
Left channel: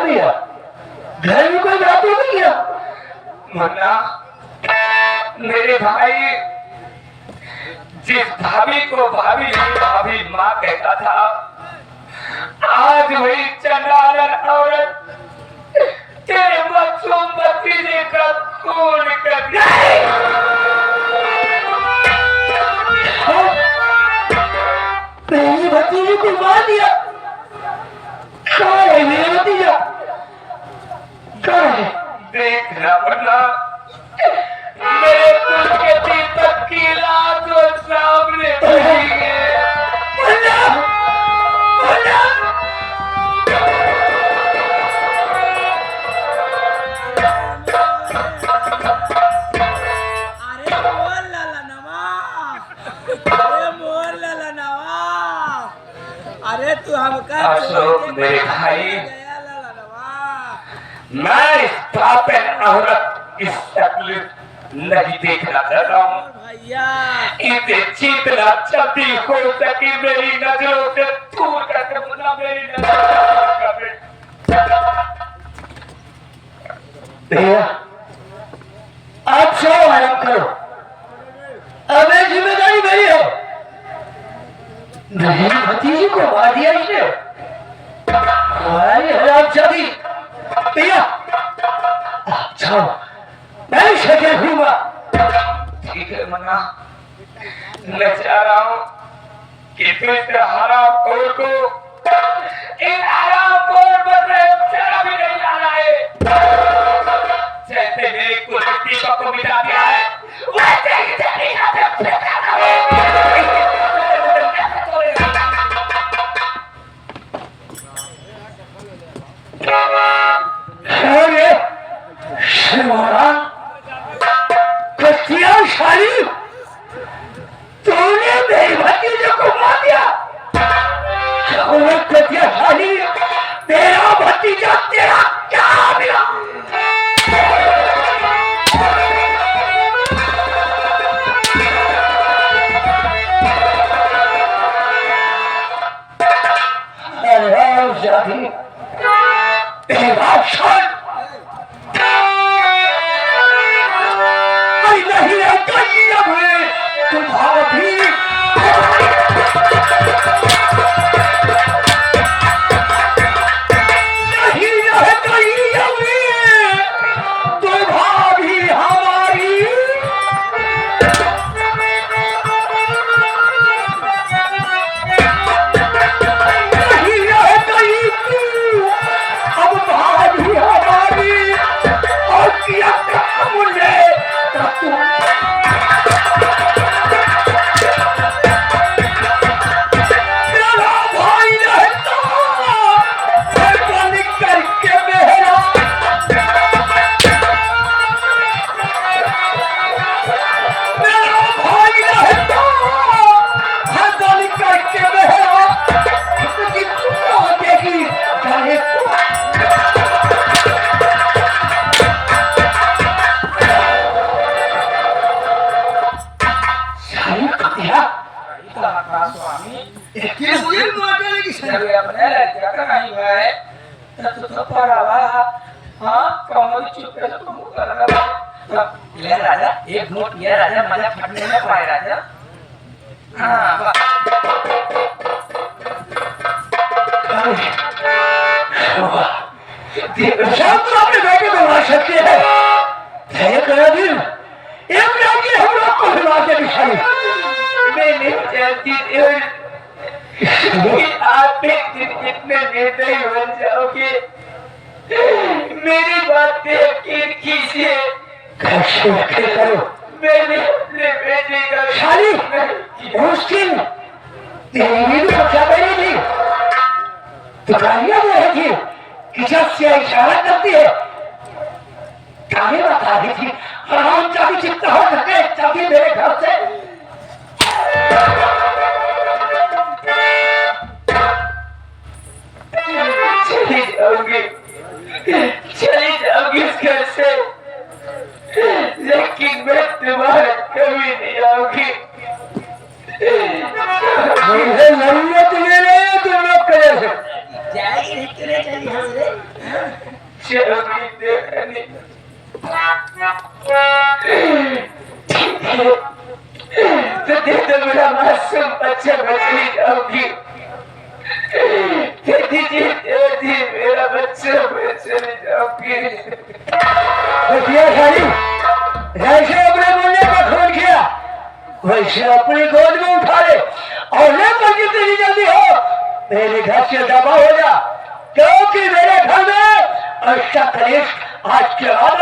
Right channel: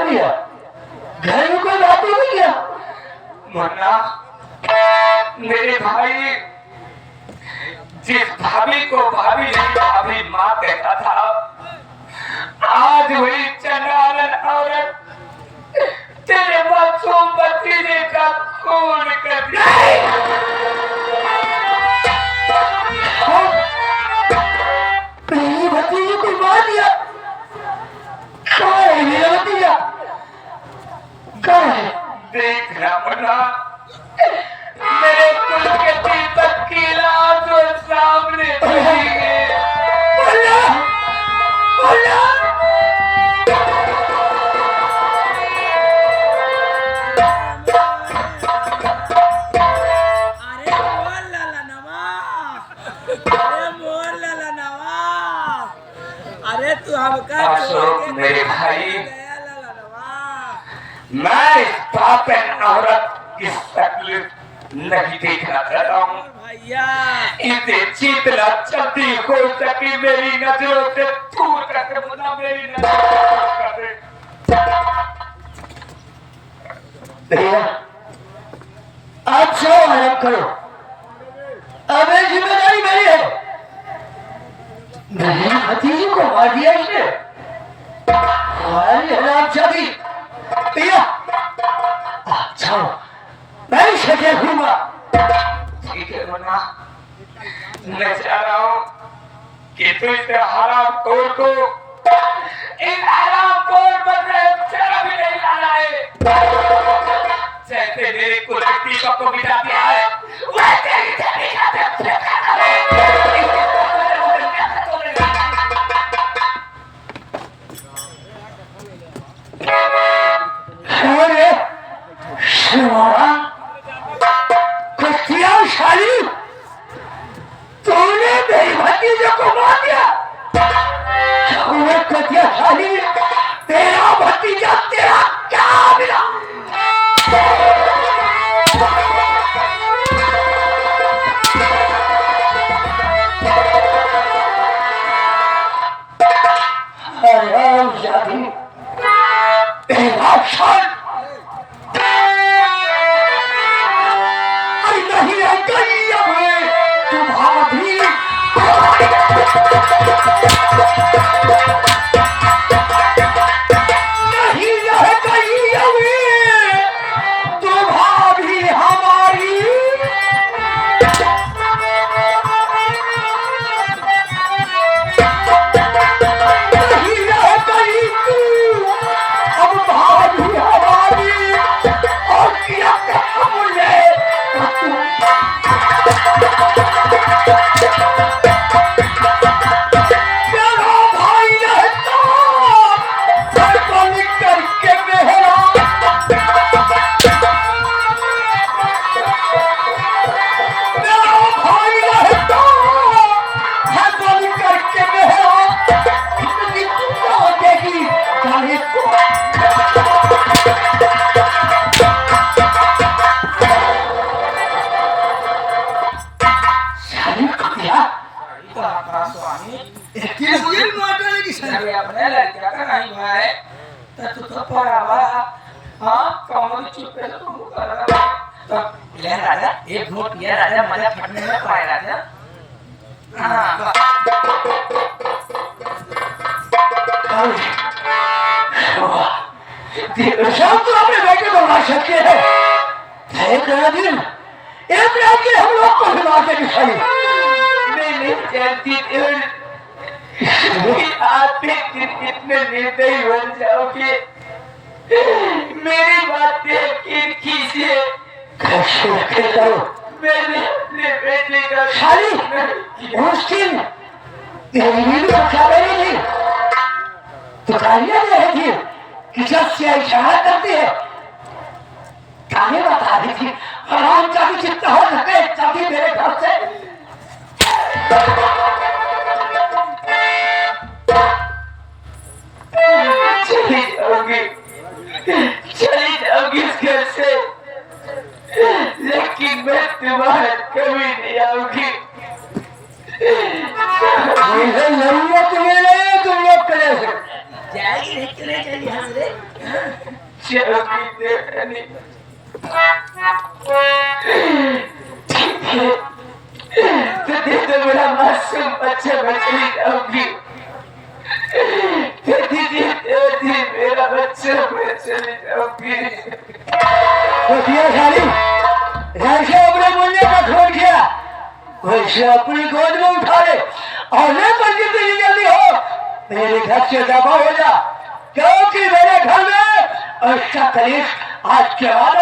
भैया घर में कोई बातें नहीं किया? मुन्ना, मेरे भाई जिस भाभी को भाभी नहीं भाभी माँ कहता था, आज वही चंडालन औरत तेरे मासूम भतीजे का खून कर दिया। मेरी भतीजे को मार दिया? कहाँ है मेरा भतीजा? कहाँ है? देख रहा मुन्ना, मेरे कुल के दीपक की लाश वो सामने खड़ी है। अरे तू हमका अशोक मेरे भाई, गया ललनवा। मैं इस पापन औरत की तकलीफ नहीं देखना चाहता हूँ। और भैया इसे जितना जल्दी हो सके मेरी नजरों से दूर करके मुन्ना, मेरी नजरों से दूर कर दे। भैया आप जो आराम करो, अब ये जिम्मेदारी मेरी है। मेरी भतीजी को मार दिया इसने, हमारी हराम जाती। भैया आप जाओ, मैं सजा दूंगा। ठीक है मुन्ना, मैं चाह रहा हूँ कि तू इस हराम खोर को, इन हराम खोर पर जरा भी नहीं लाना है। जैसे मेरे कुलती को मिटा दिया है, वैसे ही तेरी आदत मिटाना है। अरे शिवारा कत्याशाली, तूने मेरी भतीजे को मार दिया। कत्याशाली तेरा भतीजा तेरा क्या मिला? राजा एक घूंट पिया राजा, मजा फटने में पाए राजा। हाँ अपने बेटे को मार सकते हैं। एक दिन एक रात के हम लोग को सुना के दिखाई। मैं नहीं जानती थी आप इतने निर्दयी हो जाओगे। मेरी बातें कीजिए। मैंने अपने बेटे का खाली मुश्किल तेरी भी तो क्या रही थी, दुकानियां रही थी, किचन से इशारा करती है, कहानी बता रही थी। हराम चाबी जितना हो सके चाबी मेरे घर से। चली जाओगी इस घर से, लेकिन मैं तुम्हारा कभी नहीं आऊंगी। मुझे जरूरत नहीं, तुम लोग करे से जाएगी नहीं चले चली हंस चलोगी देखने। तो दे दो मेरा मासूम बच्चा, बचली जाऊंगी। मेरा बच्चा मैं चली जाऊंगी। ऐसे अपने मुन्ने को खोल किया, वैसे अपनी गोद में उठा ले और लेकर जितनी जल्दी हो मेरे घर से दबा हो जा, क्योंकि मेरे घर में अच्छा कलेश आज के बाद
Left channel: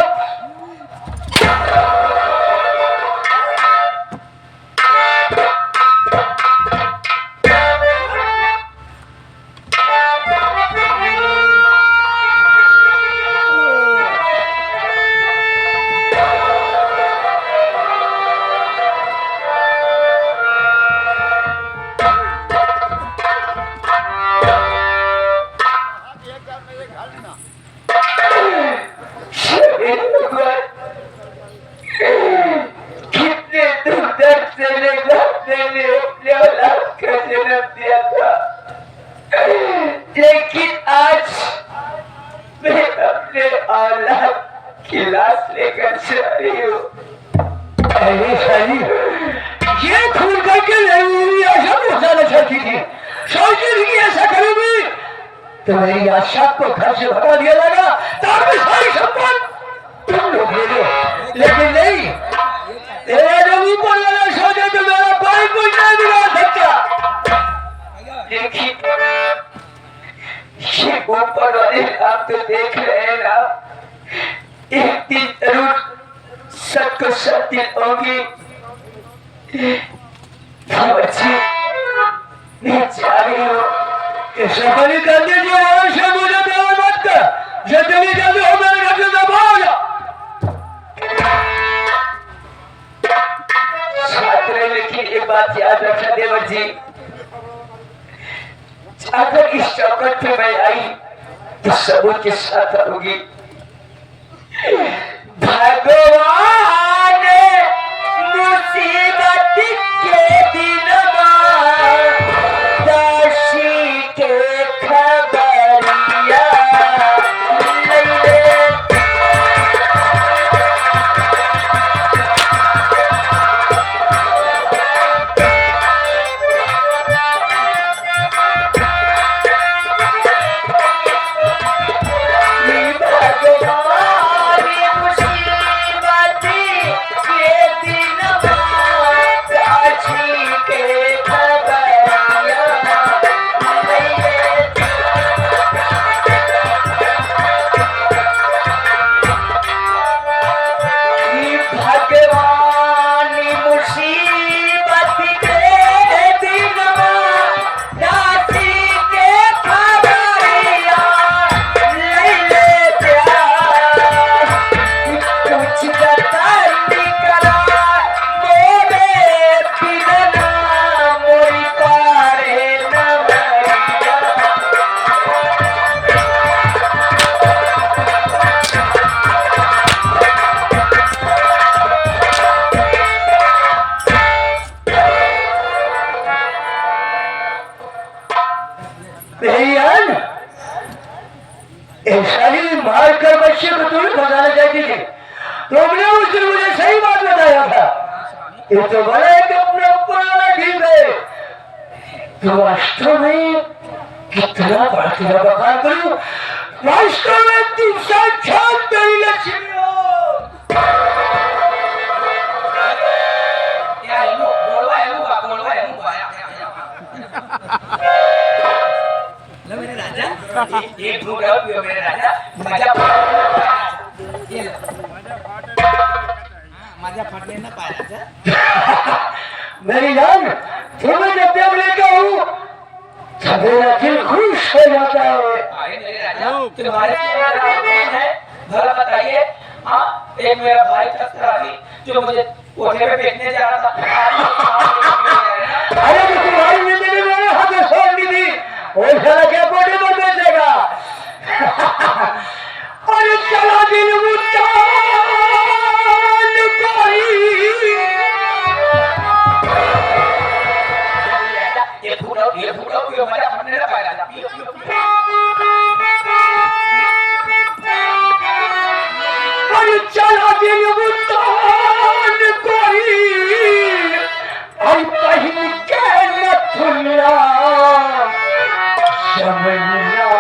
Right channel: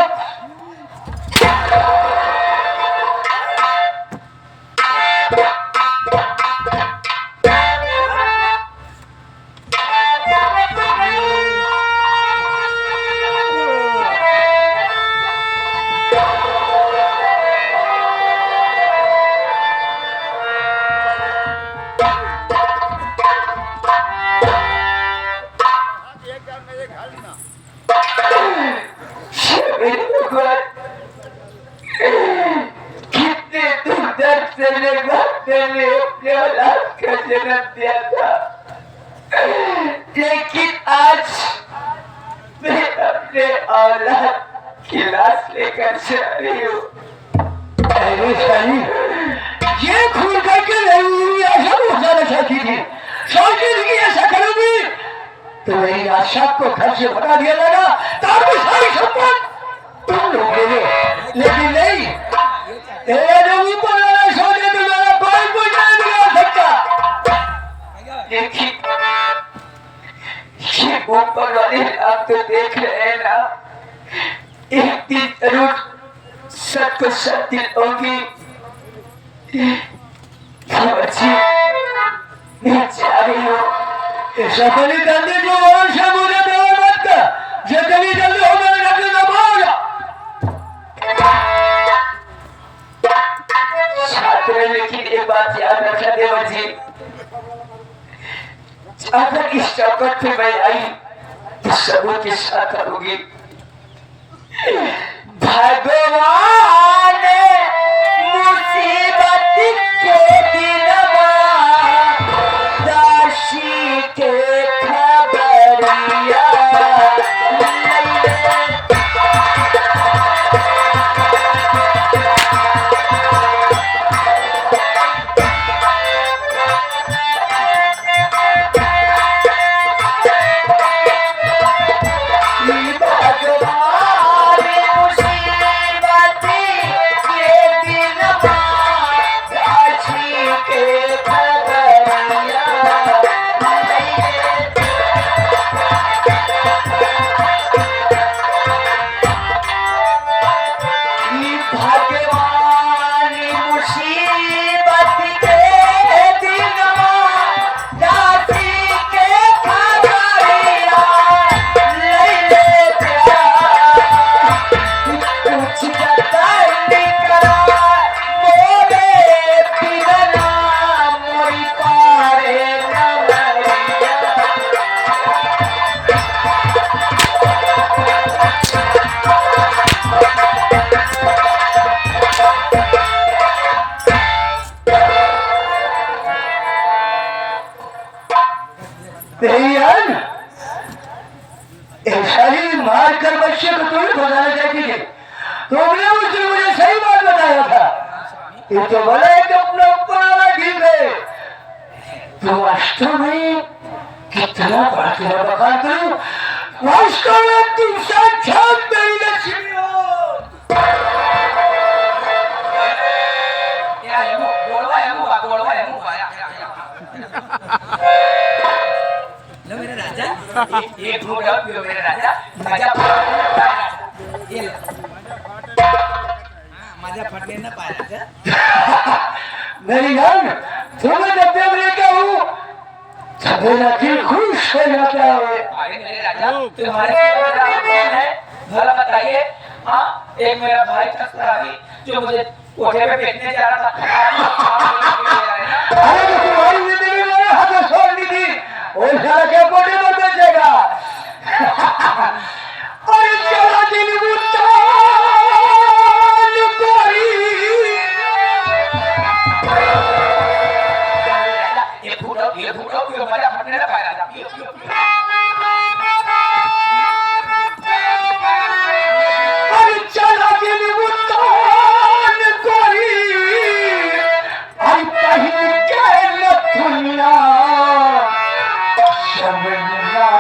अपने औलाद का जन्म दिया था, लेकिन आज मैं अपने औलाद की लाश लेकर जा रही हूँ। अरे साली, ये खून करके मेरी आशा को जाना चाहती थी, सोचती थी कि ऐसा करूंगी तो मेरी आशा को घर से भगा दिया जाएगा ताकि सारी संपत्ति तुम लोग ले लो, लेकिन नहीं, तेरे जो ऊपर वाला सोचे तो मेरा कोई कुछ नहीं बिगाड़ सकता। लेकिन ये ऊपर वाले आप तो देख रहे हैं ना, एक दिन जरूर सबको सत्य होगी। बच्ची मैं जा रही हूँ, ऐसा कभी कर दीजिए और से मुझे देवा मत कर, जितनी जल्दी हो मेरे घर से दबाओ। छात्र, लेकिन एक बात याद रखना देवर जी, अगर इस चौकट पे मैं आई तो सबों के साथ होगी। भगवान मुसीबत के दिन दासी के खबरिया मारकर बच्चे को तुम्हें फंसाना चाहती थी, तुमने उस दिन मुझे सही बात बताया था। ये तो बड़ा है कि अपना ऊपर वाला ठीक है, तो वास्तव में कितना बड़ा तेरा बखान करूं, वास्तव में तुम साक्षात मेरी लक्ष्मी हो। लो मेरे राजा, एक घूट और पियो मेरे राजा, मजा ये लो। हाँ, मजा फटने ना पाए राजा। मेरी जान, तुम्हें जब जब लेता हूँ तब मेरा दिल खुश हो जाता है। अरे मेरे राजा, तुम्हारे कौन है भला बताइए। हाँ, एक मेरा भाई था जो मुझे कोठे पे फेंकने जा रहा था। अरे तो तुम्हारी जिंदगी मेरे हाथ में छोड़ दी थी, वो साला के कोठे पर बेचेगा। अरे चला दिल मुझका ये फूटो पियो मजा फटने ना पाए राजा। पियो पियो अरे चला दिल मुझका आई पहली के नथुनिया शमनिया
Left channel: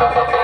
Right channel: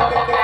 देखते